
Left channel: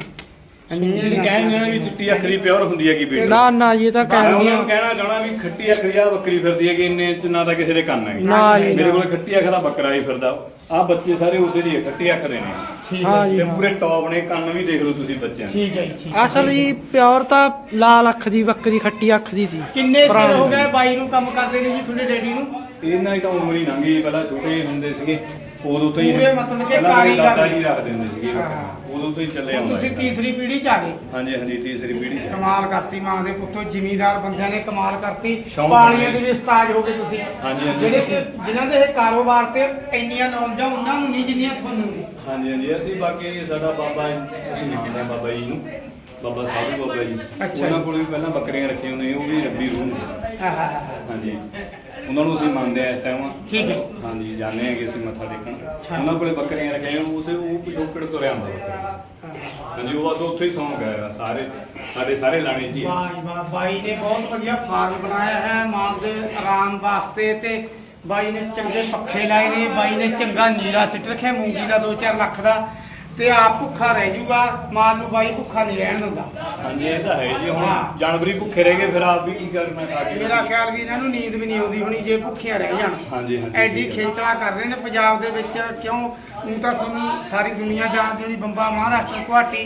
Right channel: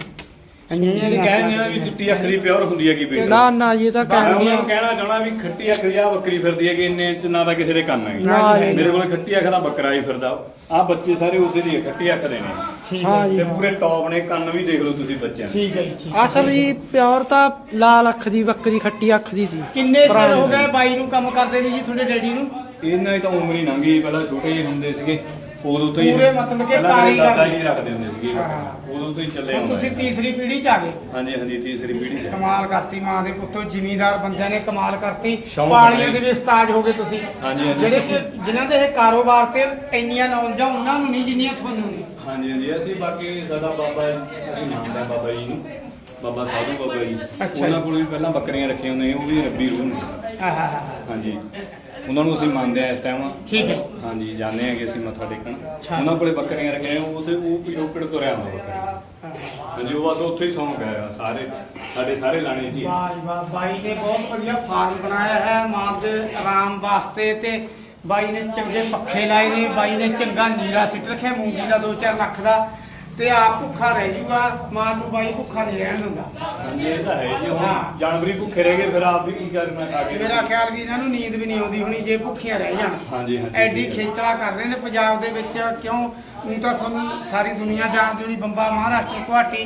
ਇਹ ਕਹਿੰਦੇ ਨੇ ਵੀ ਚਿੱਟੀ ਅੱਖ ਦੀ ਪਿਓਰ ਹੁੰਦੀ ਹੈਗੀ ਬੇਟਾ ਨਾ ਨਾ ਇਹ ਤਾਂ ਮੈਂ ਕਹਿ ਉਹਨਾਂ ਨੂੰ ਕਹਿਣਾ ਚਾਹਣਾ ਵੀ ਖੱਟੀ ਅੱਖ ਦੀ ਆ ਬੱਕਰੀ ਫਿਰਦੀ ਹੈ ਕਿ ਇੰਨੇ ਚ ਨਾ ਤਾਂ ਕਿਸੇ ਦੇ ਕੰਨ ਹੈਗੇ। ਨਾ ਜੀ, ਮੇਰੇ ਕੋਲ ਖੱਟੀ ਅੱਖ ਦਾ ਬੱਕਰਾ ਹੀ ਫਿਰਦਾ। ਆ ਬੱਚੇ ਸਾਰੇ ਉਸੇ ਦੀ ਹੈ, ਖੱਟੀ ਅੱਖ ਦੇ ਨੇ। ਠੀਕ ਹਾਂ ਹੈ ਜੀ। ਤੇ। ਪੂਰੇ ਟੌਪ ਨੇ ਕੰਨ ਵੀ ਦੇਖ ਲਓ ਤੁਸੀਂ ਬੱਚਿਆਂ ਦੇ। ਠੀਕ ਹੈ ਜੀ ਠੀਕ ਹੈ। ਅਸਲ ਜੀ ਪਿਓਰ ਤਾਂ ਲਾਲ ਅੱਖ ਦੀ ਬੱਕਰੀ ਖੱਟੀ ਅੱਖ ਦੀ ਸੀ। ਕਿੰਨੇ ਸਾਲ ਪੁਰਾਣੀ ਹੋ ਗਏ ਬਾਈ ਨੂੰ ਕੰਮ ਕਰਦੇ ਨੇ ਜੀ ਤੁਹਾਡੇ ਡੈਡੀ ਨੂੰ? ਇਹਨਾਂ ਦੀ ਤਾਂ ਉਮਰ ਹੀ ਲੰਘੀ ਪਹਿਲਾਂ ਛੋਟੇ ਜਿਹੇ ਹੁੰਦੇ ਸੀਗੇ। ਉਦੋਂ ਤੋਂ ਹੀ ਪੂਰੇ ਮਤਲਬ ਕਿ ਪਹਿਲਾਂ ਮੇਰੇ ਕਾਰੀਗਰ ਹੀ ਰੱਖਦੇ ਹੁੰਦੇ ਸੀਗੇ ਹਾਂ। ਉਦੋਂ ਤੋਂ ਹੀ ਚੱਲੇ ਹੁਣ ਆਉਂਦਾ ਤੁਸੀਂ ਹੈ। ਤੀਸਰੀ ਪੀੜ੍ਹੀ ਚ ਆ ਗਏ। ਹਾਂਜੀ ਹਾਂਜੀ ਤੀਸਰੀ ਪੀੜ੍ਹੀ ਚ ਕਮਾਲ ਕਰਤੀ ਮਾਂ ਦੇ ਪੁੱਤੋ ਜ਼ਿਮੀਦਾਰ ਬੰਦਿਆਂ ਨੇ ਕਮਾਲ ਕਰਤੀ। ਸ਼ੌਂਕ ਪਾਣੀਆਂ। ਦੇ ਵੀ ਉਸਤਾਦ ਹੋ ਗਏ ਤੁਸੀਂ। ਹਾਂਜੀ, ਹਾਂਜੀ। ਜਿਹੜੇ ਕਿ ਜਿਨ੍ਹਾਂ ਦੇ ਇਹ ਕਾਰੋਬਾਰ ਤੇ ਇੰਨੀਆਂ ਨੌਲੇਜਾਂ ਉਹਨਾਂ ਨੂੰ ਨਹੀਂ ਜਿੰਨੀਆਂ ਤੁਹਾਨੂੰ ਨੇ ਹਾਂਜੀ ਹਾਂਜੀ। ਅਸੀਂ ਬਾਕੀ ਸਾਡਾ ਬਾਬਾ ਅਸੀਂ ਮੰਨਦੇ ਬਾਬਾ ਜੀ ਨੂੰ। ਬਾਬਾ ਸਾਧੂ ਬਾਬਾ ਜੀ। ਅੱਛਾ। ਉਹਨਾਂ ਕੋਲ ਵੀ ਪਹਿਲਾਂ ਬੱਕਰੀਆਂ ਰੱਖੀਆਂ ਹੁੰਦੀਆਂ ਉਹ ਵੀ ਰੱਬੀ ਰੂਹ ਨੇ। ਹਾਂ ਹਾਂ ਹਾਂ। ਹਾਂਜੀ। ਉਹਨਾਂ ਨੂੰ ਅਸੀਂ ਮੰਨਦੇ ਆ ਇਸ ਟਾਈਮ ਠੀਕ ਹੈ ਹਾਂਜੀ ਜਾਂਦੇ ਆ ਕਿ ਅਸੀਂ ਮੱਥਾ ਟੇਕਣ ਅੱਛਾ। ਉਹਨਾਂ ਕੋਲੇ ਬੱਕਰੀਆਂ ਰੱਖੀਆਂ ਉਸੇ ਉਹ ਪਿਛੋਕੜ ਤੁਰਿਆ ਹੁੰਦਾ ਬੱਕਰੀ ਹਾਂ। ਹਾਂਜੀ ਉਹ ਬਸ ਉੱਥੇ ਹੀ ਸੌਂਕ ਹੈ ਸਾਰੇ ਸਾਡੇ ਸਾਰੇ ਲਾਣੇ 'ਚ ਹੀ ਹੈ। ਵਾਹ ਜੀ ਵਾਹ ਬਾਈ ਨੇ ਬਹੁਤ ਵਧੀਆ ਫਾਰਮ ਬਣਾਇਆ ਹੈ ਮਾਲ ਦੇ ਆਰਾਮ ਵਾਸਤੇ ਤੇ ਬਾਈ ਨੇ ਚੰਗੇ ਪੱਖੇ ਲਾਏ ਨੇ ਬਾਈ ਨੇ ਚੰਗਾ ਨੀਲਾ ਸਿੱਟ ਰੱਖਿਆ ਮੂੰਗੀ ਦਾ 2-4 ਲੱਖ ਦਾ ਤੇ ਆਪ ਭੁੱਖਾ ਰਹਿ ਜੂਗਾ ਮਾਲ ਨੂੰ ਬਾਈ ਭੁੱਖਾ ਨਹੀਂ ਰਹਿਣ ਦਿੰਦਾ। ਹਾਂਜੀ ਇਹ ਤਾਂ ਹੈ ਜੀ ਹੁਣ। ਜਾਨਵਰੀ ਭੁੱਖੇ ਰਹਿ ਗਏ ਫਿਰ ਆਪ ਵੀ ਕੀ ਕਰਨਾ ਖਾ ਕੇ ਮੇਰਾ ਖਿਆਲ ਵੀ ਇਹਨਾਂ ਨੂੰ ਨੀਂਦ ਵੀ ਨਹੀਂ ਆਉਂਦੀ ਹੋਣੀ ਜੇ ਭੁੱਖੀਆਂ ਰਹਿ ਜਾਣ। ਹਾਂਜੀ ਹਾਂਜੀ ਐਡੀ ਖੇਚਲਾ ਕਰ ਰਹੇ ਨੇ ਪੰਜਾਬ ਦੇ ਵਿੱਚ ਕਿਉਂ? ਹੁਣ ਤਾਂ ਤੁਹਾਨੂੰ ਸਾਰੀ ਦੁਨੀਆ ਜਾਣਦੀ ਹੋਣੀ ਬੰਬਾ ਮਹਾਰਾਸ਼ਟਰ ਗੁਹਾਟੀ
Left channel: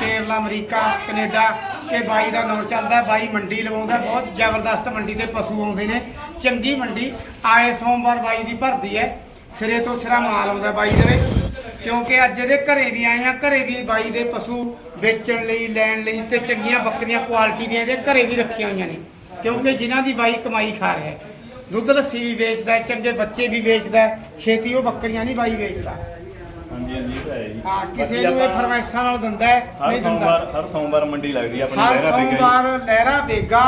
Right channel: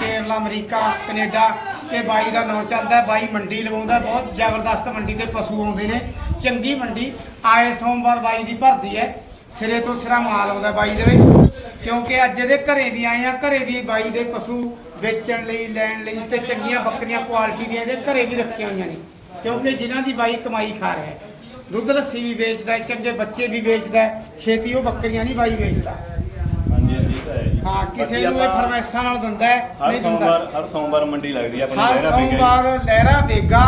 ਕੇਰਲਾ ਅਮਰੀਕਾ ਕੈਨੇਡਾ ਕਿ ਬਾਈ ਦਾ ਨਾਂ ਚੱਲਦਾ ਹੈ, ਬਾਈ ਮੰਡੀ ਲਵਾਉਂਦਾ ਹੈ, ਬਹੁਤ ਜ਼ਬਰਦਸਤ ਮੰਡੀ ਤੇ ਪਸ਼ੂ ਆਉਂਦੇ ਨੇ। ਚੰਗੀ ਮੰਡੀ ਆਏ ਸੋਮਵਾਰ ਬਾਈ ਦੀ ਭਰਦੀ ਹੈ ਸਿਰੇ ਤੋਂ ਸਿਰਾ ਮਾਲ ਆਉਂਦਾ ਬਾਈ ਦੇ ਵਿੱਚ। ਕਿਉਂਕਿ ਅੱਜ ਇਹਦੇ ਘਰੇ ਵੀ ਆਏ ਆ ਘਰੇ ਵੀ ਬਾਈ ਦੇ ਪਸ਼ੂ ਵੇਚਣ ਲਈ ਲੈਣ ਲਈ ਤੇ ਚੰਗੀਆਂ ਬੱਕਰੀਆਂ ਕੁਆਲਿਟੀ ਦੀਆਂ ਇਹਦੇ ਘਰੇ ਵੀ ਰੱਖੀਆਂ ਹੋਈਆਂ ਨੇ। ਕਿਉਂਕਿ ਜਿਨ੍ਹਾਂ ਦੀ ਬਾਈ ਕਮਾਈ ਖਾ ਰਿਹਾ ਹੈ। ਦੁੱਧ ਲੱਸੀ ਵੀ ਵੇਚਦਾ ਹੈ ਚੰਗੇ ਬੱਚੇ ਵੀ ਵੇਚਦਾ ਹੈ ਛੇਤੀ ਉਹ ਬੱਕਰੀਆਂ ਨਹੀਂ ਬਾਈ ਵੇਚਦਾ। ਹਾਂਜੀ ਹਾਂਜੀ ਇਹ ਤਾਂ ਹੈ ਜੀ। ਹਾਂ ਕਿਸੇ ਬਾਕੀ ਨੂੰ ਇਹ ਆਪਾਂ ਫਰਮਾਇਸ਼ਾਂ ਨਾਲ ਦਿੰਦਾ ਹੈ ਹਰ ਨਹੀਂ ਦਿੰਦਾ। ਸੋਮਵਾਰ ਹਰ ਸੋਮਵਾਰ ਮੰਡੀ ਲੱਗਦੀ ਆਪਣੀ ਹਰ ਲਹਿਰਾ ਬੇਗਾ ਜੀ। ਸੋਮਵਾਰ ਲਹਿਰਾ ਬੇਗਾ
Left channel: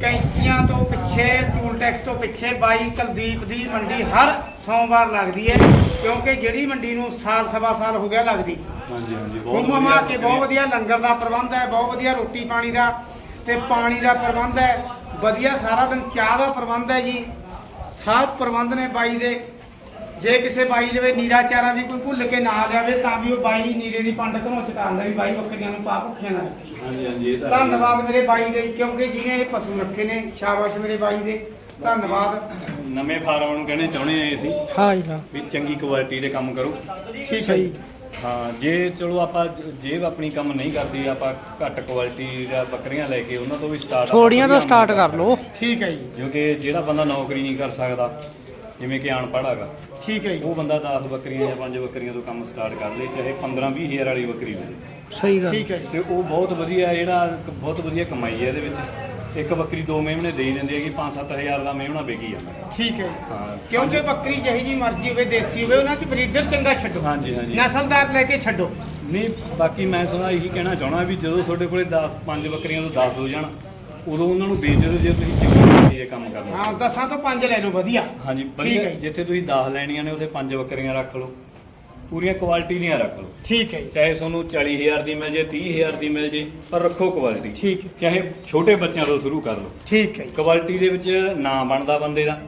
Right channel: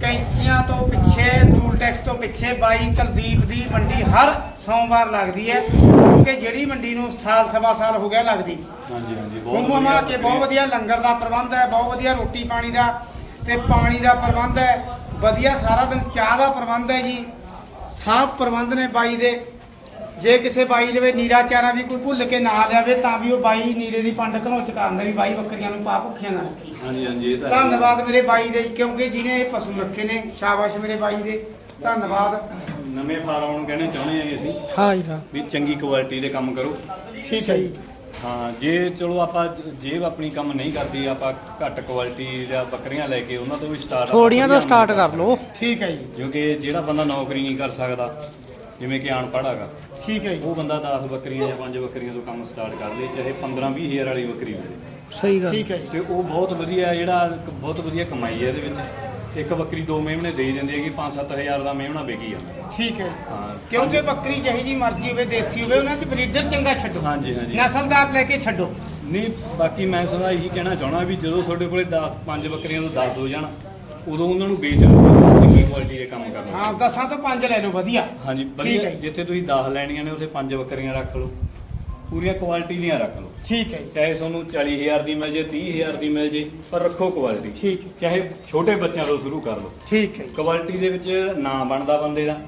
ਕੈਂਚੀਆਂ ਤੋਂ ਪਿੱਛੇ ਟੂਲ ਟੈਕਸ ਤੋਂ ਪਿੱਛੇ ਬਾਈ ਕੁਲਦੀਪ ਦੀ ਮੰਡੀ ਹਰ ਸੋਮਵਾਰ ਲੱਗਦੀ ਹੈ ਕਿਉਂਕਿ ਜਿਹੜੀ ਮੰਡੀ ਨੂੰ ਸਾਲ ਸਵਾ ਸਾਲ ਹੋ ਗਿਆ ਲੱਗਦੀ। ਹਾਂਜੀ ਹਾਂਜੀ ਬਹੁਤ ਕੇ ਬਹੁਤ ਵਧੀਆ ਲੰਗਰ ਦਾ ਪ੍ਰਬੰਧ ਹੈ ਬਹੁਤ ਵਧੀਆ ਰੋਟੀ ਪਾਣੀ ਦਾ ਤੇ ਪਾਣੀ ਦਾ ਪ੍ਰਬੰਧ ਹੈ। ਵਧੀਆ ਸਾਰਾ ਦਿਨ ਚਾਹ ਦਾ ਪ੍ਰਬੰਧ ਹੈ ਜੀ। ਸਭ ਪ੍ਰਬੰਧ ਨੇ ਬਾਈ ਦੇ। ਜੇ ਕਿਸੇ ਬਾਈ ਲਵੇ ਨੀਰਾ ਚਾਰਾ ਵੀ ਕੋਈ ਭੁੱਲ ਕੇ ਨਾ ਲਿਆਵੇ ਤਾਂ ਵੀ ਉਹ ਬਾਈ ਨੀਰੇ ਦੀ ਪੰਡ ਘਨੋਂ ਚਕਾਉਂਦਾ ਵੀ ਬਾਈ ਬੱਕਰੀਆਂ ਨੂੰ ਪਾ ਭੁੱਖੀਆਂ ਨਾ ਰੱਖੀ ਹਾਂਜੀ ਹਾਂਜੀ ਇਹ ਤਾਂ ਹੈ। ਧੰਨਵਾਦ ਮੇਰੇ ਬਾਈ ਦੇ ਕਿਉਂਕਿ ਜਿਹਨੇ ਇਹ ਪਸ਼ੂ ਰੱਖੇ ਨੇ ਸ਼ਾਬਾਸ਼ ਮੇਰੇ ਬਾਈ ਦੇ। ਧੰਨਵਾਦ। ਨਵੇਂ ਫਾਰਮਾਂ ਨੂੰ ਕਹਿਣੇ ਚਾਹੁੰਦੇ ਆ ਅਸੀਂ। ਹਾਂ ਜੀ ਹਾਂ। ਵੀ ਚੰਗੀ ਕੁਆਲਿਟੀ ਦੇ ਕੰਮ ਕਰੋ। ਠੀਕ ਹੈ ਜੀ। ਹਾਂ ਜੇ ਚਲੋ ਆਪਾਂ ਜੇਬ ਆਪਣੀ ਕੰਮ ਨਹੀਂ ਕਰਦੀ ਆਪਾਂ ਘੱਟ ਕੁਆਲਿਟੀ ਦਾ ਬੱਕਰੀਆਂ ਲੈ ਕੇ ਉਹਨਾਂ ਤੋਂ ਵੀ ਸਟਾਰਟ ਥੋੜੀਆਂ ਤੋਂ ਸਟਾਰਟ ਕਰ ਲਓ। ਠੀਕ ਹੈ ਜੀ। ਕਿਉਂਕਿ ਜਿਹੜਾ ਬੰਦਾ ਨੌਕਰੀ ਨਹੀਂ ਕਰ ਸਕਦਾ ਜਿਵੇਂ ਕਿ ਅਨਪੜ੍ਹ ਹੈਗਾ ਠੀਕ ਹੈ ਜੀ। ਉਹ ਬੰਦਾ 10 ਬੱਕਰੀਆਂ ਜਾਂ 5 ਬੱਕਰੀਆਂ ਤੋਂ ਕੰਮ ਸਟਾਰਟ ਕਰ ਲੇ ਚਾਹੇ 15 20 ਹਜ਼ਾਰ ਵਾਲੀ ਬੱਕਰੀ ਮਿਲੇ ਸਹੀ ਗੱਲ। ਠੀਕ ਹੈ ਜੀ। ਤੇ ਉਹ ਬਹੁਤ ਵਧੀਆ ਜਿਹੜਾ ਬਹੁਤ ਵਧੀਆ ਕਮਾਈ ਹੈ ਇਹਦੇ ਵਿੱਚ। ਇੱਕ ਬੱਕਰੀ ਦੋ ਮੇਮਣੇ ਦੇ ਹੀ ਦਿੰਦੀ ਹੈ ਕਿ 5-7000 ਦਾ ਮੇਮਣਾ ਵਿਕੀ ਜਾਂਦਾ। ਠੀਕ ਹੈ। ਕਿਉਂਕਿ ਬੱਕਰੀ ਜਿਹੀ ਜੀ ਮਰਜ਼ੀ ਹੋਵੇ ਦੇਸੀ ਹੋਵੇ ਉਹਨਾਂ 'ਚ ਬਰੀਡਰ ਚੰਗਾ ਛੱਡੋ। ਹਾਂਜੀ ਹਾਂਜੀ। ਨਸਲਦਾਰ ਲੈ ਕੇ ਛੱਡੋ। ਨਹੀਂ ਬਾਕੀ ਮੈਂ ਸਦਾ ਇਹੀ ਕਹਿਣਾ ਚਾਹਣਾ ਵੀ ਜਦੋਂ ਤੁਹਾਡੇ ਕੋਲੇ 10 ਪੰਜ ਬੱਕਰੀਆਂ ਤੋਂ 10 ਹੋ ਜਾਣ ਉਦੋਂ ਉਹਨਾਂ ਨੂੰ ਵੇਚ ਦਿਓ ਜੇ ਤੁਸੀਂ ਚੰਗੀ ਇਹ ਕੰਮ ਕਰਨਾ ਹਾਂ ਦਸਾਂ ਤੋਂ ਪੰਜ ਲੈ ਲਓ ਵਧੀਆ। ਹਾਂਜੀ ਵਧੀਆ। ਜਿੱਥੇ ਤੁਸੀਂ 10 ਲੈਣੀਆਂ ਨੇ ਉੱਥੇ ਪੰਜ ਬੱਕਰੀਆਂ ਰੱਖ ਲਓ। ਪੂਰੀਆਂ ਕੁਆਲਿਟੀ ਦੀਆਂ ਰੱਖ ਲਓ। ਠੀਕ ਹੈ ਜੀ। ਚਾਹੇ ਤੁਹਾਨੂੰ 40000 ਦੀ ਮਿਲ ਜੇ 30000 ਦੀ ਮਿਲ ਜੇ ਪਰ ਰੱਖੋ ਕੁਆਲਿਟੀ ਠੀਕ ਹੈ। ਚਾਹੇ ਛੋਟੇ ਬੱਚਿਆਂ ਤੋਂ ਸ਼ੁਰੂ ਕਰ ਲਓ। ਠੀਕ ਹੈ ਜੀ। ਕੁਆਲਿਟੀ ਦੇ ਵਿੱਚ ਨਾਂ ਬਣਦਾ ਬੰਦੇ ਦਾ।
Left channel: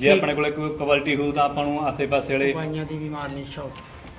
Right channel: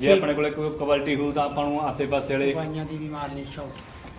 ਜੇ ਠੀਕ। ਆਪਣੇ ਕੋਲੇ ਕੋਈ ਕੁਆਲਿਟੀ ਹੋਊ ਤਾਂ ਆਪਾਂ ਨੂੰ ਆਸੇ-ਪਾਸੇ ਵਾਲੇ ਦਵਾਈਆਂ ਦੀ ਵੀ ਮਾਰਨੀ ਸ਼ੌਕ।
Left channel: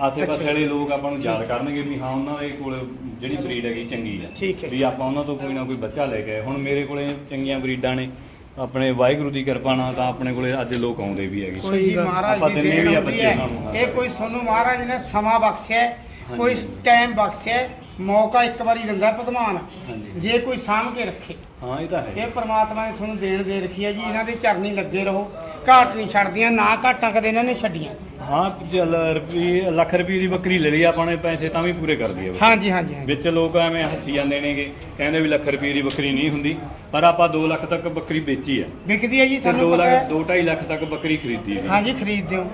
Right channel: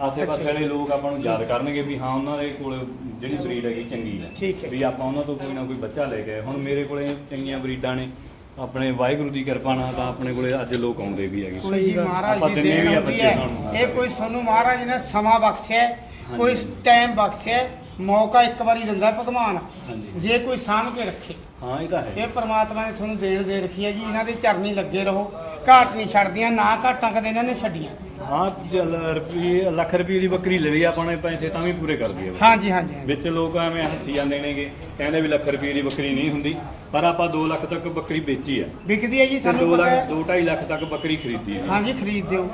ਆਸੇ ਪਾਸੇ ਵਾਲੇ ਲੋਕ ਆਪਾਂ ਨੂੰ ਯਾਦ ਕਰਨਗੇ ਵੀ ਹਾਂ ਉਹਨਾਂ ਦੇ ਕੋਲ ਜਿਹੜੀ ਬਰੀਡ ਹੈਗੀ ਚੰਗੀ ਹੈ। ਠੀਕ ਹੈ। ਵੀ ਆਪਾਂ ਉਹਨਾਂ ਤੋਂ ਕੋਈ ਨਾ ਕੋਈ ਬੱਚਾ ਲੈ ਕੇ ਆਏ। ਹੁਣ ਮੇਰੇ ਕੋਲੇ ਚੰਗੀਆਂ ਬਰੀਡਾਂ ਨੇ। ਆਪਣੇ ਵਾਹਿਗੁਰੂ ਦੀ ਕਿਰਪਾ ਨਾਲ ਤਾਂ ਆਪਣੇ ਕੋਲੇ ਅੱਜ ਲੋਕ ਆਉਂਦੇ ਵੀ ਹੈਗੇ ਕੋਈ ਜੀ ਮਹਾਰਾਜ ਆਪਾਂ ਦੀ ਦਿੰਦੇ ਦੇਣ ਵੀ ਆ ਹੁੰਦੀ ਬੱਚੇ ਹੈ ਸਾਨੂੰ। ਇਹ ਕੋਈ ਸਾਨੂੰ ਮਹਾਰਾਜ ਨੇ ਸਮਾਂ ਬਖਸ਼ਿਆ ਹੈ, ਹਾਂਜੀ। ਕੋਈ ਟਾਈਮ ਬਖਸ਼ਿਆ ਹੈ, ਮੌਕਾ ਇੱਕ ਵਾਰੀ ਦਿੰਦਾ ਭਗਵਾਨ ਹਾਂਜੀ। ਜੇ ਕੋਈ ਸਾਂਭ ਕੇ ਰੱਖੇ ਹਾਂ ਇਹ ਤਾਂ ਹੈ ਇਹ ਪ੍ਰਮਾਤਮਾ ਨੇ ਤੁਹਾਨੂੰ ਦੇਣ ਦੇ ਰੱਖੀ ਹੈ ਜੀ ਇਹਨਾਂ ਦੇ ਚਰਨੀ ਲੱਗੇ ਰਹੋ ਘਾਟ ਨਹੀਂ ਛੱਡਦੀਆਂ ਨਾ ਘਾਟਾਂ ਕਦੇ ਇਹਨਾਂ ਨੇ ਛੱਡੀਆਂ। ਹਾਂ ਚੱਲ ਰੁਪਏ ਲੱਖ ਰੁਪਏ ਦੀ ਬੱਕਰੀ ਲੈ ਲਈ ਆਪਾਂ ਨੇ ਪੈਸੇ ਤਾਂ ਵੀ ਪੂਰੇ ਕਰ ਦਈਏ। ਹਾਂਜੀ ਹਾਂਜੀ ਹਾਂਜੀ। ਵਿੱਚ ਲੋਕ ਐਵੇਂ ਹੱਸੀ ਜਾਂਦੇ ਨੇਗੇ ਕਹਿੰਦੇ ਵੀ ਲੱਖ ਰੁਪਏ ਦੀ ਬੱਕਰੀ ਨਹੀਂ ਹੁੰਦੀ ਪਰ ਆਪਾਂ 2 ਲੱਖ ਤੱਕ ਬੱਕਰੀ ਵੇਚੀ ਹੈ ਵਿਕਦੀ ਹੈ ਜੀ ਤੇ 2 ਤੁਹਾਨੂੰ ਪਤਾ ਲੱਖ ਹੈ। 2.5 ਲੱਖ ਤੱਕ ਬੱਕਰੀ ਖਰੀਦੀ ਹੈ ਹਾਂਜੀ ਖਰੀਦਦੇ ਹੋ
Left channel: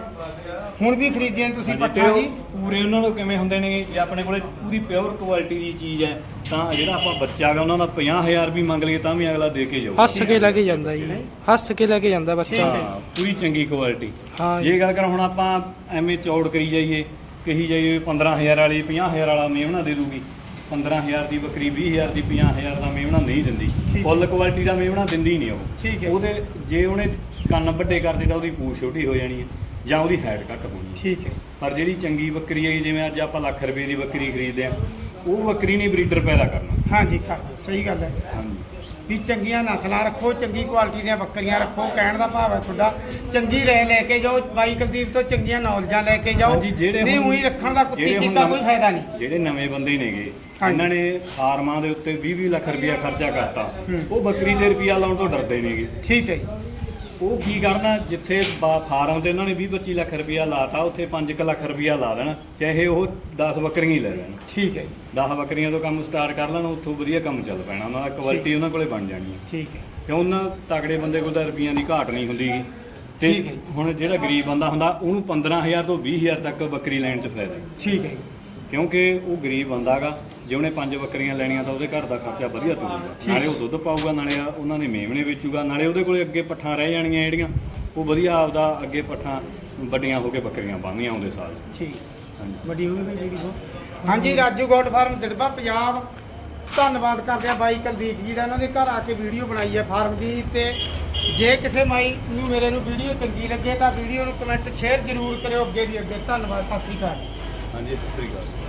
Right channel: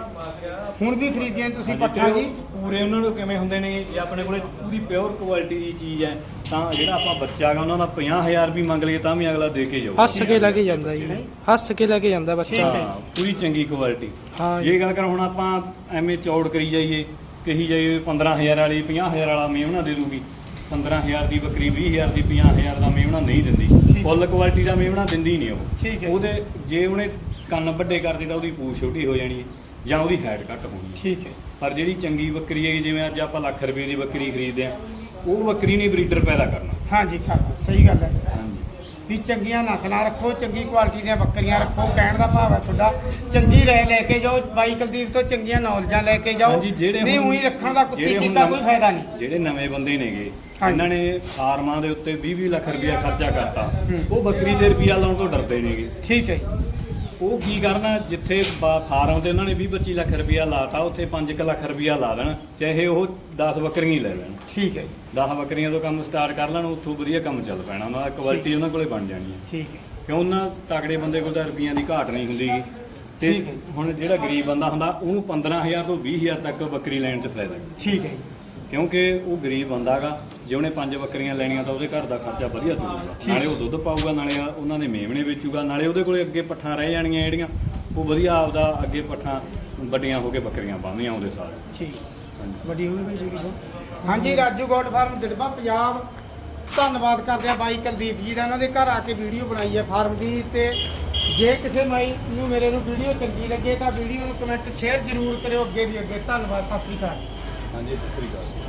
ਹੁਣ ਵੀ ਖਰੀਦੀਆਂ ਤੁਸੀਂ ਹਾਂਜੀ, ਤੇ ਪੱਠਾ ਉਹ ਜੀ। ਪੂਰੇ ਉਹਨਾਂ ਨੂੰ ਕਿਵੇਂ ਹੁੰਦੇ ਨੇ ਜੇ ਆਪਣੇ ਕੋਲੇ ਪੂਰੀ ਪਿਓਰ ਕੁਆਲਿਟੀ ਦੀ ਚੀਜ਼ ਹੈ ਤਾਂ ਜਿਹੜਾ ਆਪਾਂ ਬੱਚਾ ਹੈਗਾ ਉਹਨਾਂ ਦਾ 50000 ਵੀ ਮੰਗ ਲਈਏ ਤਾਂ ਵੀ ਅਗਲਾ ਦੇ ਕੇ ਜਾਊਗਾ। ਹੱਸ ਕੇ ਲੈ ਕੇ ਜਾਂਦਾ ਜੀ ਹੱਸ ਕੇ ਲੈ ਕੇ ਜਾਂਦਾ ਬੱਚਾ। ਹੈ। ਪੂਰੀ ਚੰਗੀ ਕੁਆਲਿਟੀ ਹਾਂ। ਜੇ। ਗੱਲ ਕਰ ਹੁਣ ਆਪਾਂ ਐਵੇਂ ਚੌੜ ਕਰੀ ਜਾਈਏ ਕਹੀ ਜਾਈਏ 15000 ਵਾਲੀ 50000 ਵਾਲਾ ਮੇਵਣਾ ਦੇ ਦੂਗੀ। 15000 ਦੀ ਬੱਕਰੀ 20000 ਦੀ 50000 ਦਾ ਮੇਵਣਾ ਨਹੀਂ ਦਿੰਦੀ। ਫੁੱਲ ਕੁਆਲਿਟੀ ਦਾ ਮੇਵਣਾ ਦਿੰਦੀ ਨਹੀਂ। ਉਹ। ਉਹਦੇ ਜੇ ਉਹਨੇ ਕੰਨ ਵੱਡੇ ਕਰ ਦਿੱਤਾ ਉਹਦੀ ਪੂਛ ਛੋਟੀ ਹੋ ਜਾਣੀ ਹੈ। ਜਾਂ ਉਹਦੀ ਹਾਈਟ ਘੱਟ ਹੋਣੀ ਹੈ ਠੀਕ ਹੈ। ਪਰ ਜਿਹੜੀ ਚੰਗੀ ਬੱਕਰੀ ਹੈਗੀ ਜਿਵੇਂ ਅੱਜ ਆਪਾਂ ਲੱਖ ਰੁਪਏ ਦੀ ਬੱਕਰੀ ਖਰੀਦਦੇ ਆ ਉਹ ਬੱਕਰੀ ਨਹੀਂ ਬਰੀਡਰ ਪੈਦਾ ਕਰਨਾ। ਹਾਂਜੀ ਕਰ ਸਹੀ ਗੱਲ ਹੈ। ਹਾਂਜੀ। ਵੀ ਚੰਗੀਆਂ ਨਸਲਾਂ ਰੱਖੋ ਚੰਗੀ ਕੁਆਲਿਟੀ ਦੀਆਂ ਬੱਕਰੀਆਂ ਰੱਖੋ ਕਹਿਣ ਦਾ ਭਾਵ ਹੈ ਤੁਹਾਡਾ ਚੰਗੀ ਰਹਿ ਲੈ ਕੇ ਜਾਓ ਬਾਈ ਕੁਲਦੀਪ ਤੋਂ ਚੰਗੀਆਂ ਨੌਲੇਜਾਂ ਲੈ ਕੇ ਜਾਓ। ਹਾਂਜੀ, ਜਿਹੜੇ ਨਹੀਂ ਹੁਣ- ਉਹੀ ਰੱਖਣ ਦਾ ਕੁੱਤੀ ਜਿਹੜੇ ਹੁਣ ਕੀਤਾ ਕੋਈ ਨਵੇਂ- ਫਾਇਦਾ ਨਹੀਂ। ਜਿਹੜੇ ਨਵੇਂ ਬੰਦੇ ਨੇਗੇ ਹਾਂਜੀ। ਇਹਨਾਂ ਨੇ ਫਾਰਮਾਂ ਦੇ ਉੱਤੇ 20-20 ਲੱਖ ਰੁਪਇਆ ਖਰਚਾ ਕਰਤਾ। ਹੂੰ। ਉਹ ਬੱਕਰੀ ਤੇ ਰੁਪਇਆ ਲਾਉਣ ਤੋਂ ਡਰਦੇ ਨੇਗੇ। ਠੀਕ ਹੈ ਜੀ। ਉਹ ਕੀ ਕਰਨਾ ਜਿੱਥੇ ਬਾ- ਫਾਰਮ ਤੇ ਉਹਨਾਂ ਨੇ 20-25 ਲੱਖ ਰੁਪਇਆ ਲਾਤਾ ਉੱਥੇ 5 ਲੱਖ ਰੁਪਇਆ ਲਾ ਦੇਣ ਚਾਹੇ ਉਹ 10 ਬੱਕਰੀਆਂ ਹੀ ਲੈ ਲੈਣ ਠੀਕ ਹੈ ਜੀ 10 ਬੱਕਰੀਆਂ ਤੋਂ ਕੰਮ ਸਟਾਰਟ ਕਰ ਲੈਣ ਉੱਥੋਂ ਵਧੀਆ ਕੰਮ ਚੱਲ ਪੈਣਾ ਉਹਨਾਂ ਦਾ ਕੁਆਲਿਟੀ ਉਹਨਾਂ ਕੋਲੇ ਬਣ ਜਾਣੀ ਹੈ ਠੀਕ ਹੈ ਕਿਉਂ ਉਹਨਾਂ ਤਗੜੇ ਬੰਦੇ ਕੋਲ ਤਾਂ ਰੁਪਈਆਂ ਦੀ ਘਾਟ ਨਹੀਂ ਹੁੰਦੀ ਗੀ। ਤੇ ਠੀਕ ਹੈ। ਹੁਣ ਜਿਹੜਾ ਗਰੀਬ ਬੰਦਾ ਹੁੰਦਾ ਉਹਨੂੰ 15000 ਤੋਂ 20000 ਤੱਕ ਬੱਕਰੀ ਲੈਣ ਤੇ ਫਾਇਦਾ ਹੈ। ਠੀਕ ਹੈ ਜੀ ਕਿਉਂਕਿ ਉਹ ਗਰੀਬ ਬੰਦਾਗਾ ਜੇ ਉਹਨੇ ਪੰਜ ਬੱਕਰੀਆਂ ਲੈਣੀਆਂ ਤਾਂ ਉਹਦੇ ਘਰ ਦਾ ਖਰਚਾ ਵਧੀਆ ਤੁਰੂਗਾ। ਨਾਲੇ ਉਹ ਦੁੱਧ ਪਾਊਗਾ ਨਾਲੇ ਉਹਨਾਂ ਨੇ ਮੇਮਣੇ ਵੇਚੂਗਾ ਨਾਲੇ ਉਹਦੇ ਕੋਲੇ ਅੱਗੇ ਪੱਠਾਂ ਰਹਿ ਜਾਣਗੀਆਂ ਜਿਹੜੀਆਂ ਉਹ ਵਧੀਆ ਆਪਦਾ ਅੱਗੇ ਪੱਠਾਂ ਵੱਡੀਆਂ ਹੋ ਕੇ ਬੱਕਰੀਆਂ ਪਾਉਂਦੀਆਂ ਆਉਂਦੇ ਸਾਲ ਠੀਕ। ਹਾਂਜੀ। ਵੱਡੀ ਹੋ ਗਈ ਜੀ ਹਾਂਜੀ ਰਾਜੂ ਗੋਟ ਫਾਰਮ ਦਿੜਬਾ ਪੰਜਾਬ। ਧੰਨਵਾਦ ਕਰਦੇ ਆ ਬਾਈ ਕੁਲਦੀਪ ਜੀ ਦਾ। ਉਹਨਾਂ ਦੇ ਘਰ ਆ ਕੇ ਵੀਡੀਓ ਬਣਾਈ ਹੈ ਫਾਰਮ ਦੀ ਤੇ ਜੇ ਕਿਸੇ ਮਾਈ ਨੂੰ ਮੇਰੇ ਨੂੰ ਵੀਡੀਓ ਚੰਗੀ ਲੱਗੇ ਤਾਂ ਵੀਡੀਓ ਨੂੰ ਕਮੈਂਟ ਸ਼ੇਅਰ ਜ਼ਰੂਰ ਕਰਿਓ। ਅੱਗੇ ਦੀ ਅੱਗੇ ਧੰਨਵਾਦ। ਸਤਿ ਸ੍ਰੀ ਅਕਾਲ। ਹਾਂਜੀ ਸਤਿ ਸ੍ਰੀ ਅਕਾਲ।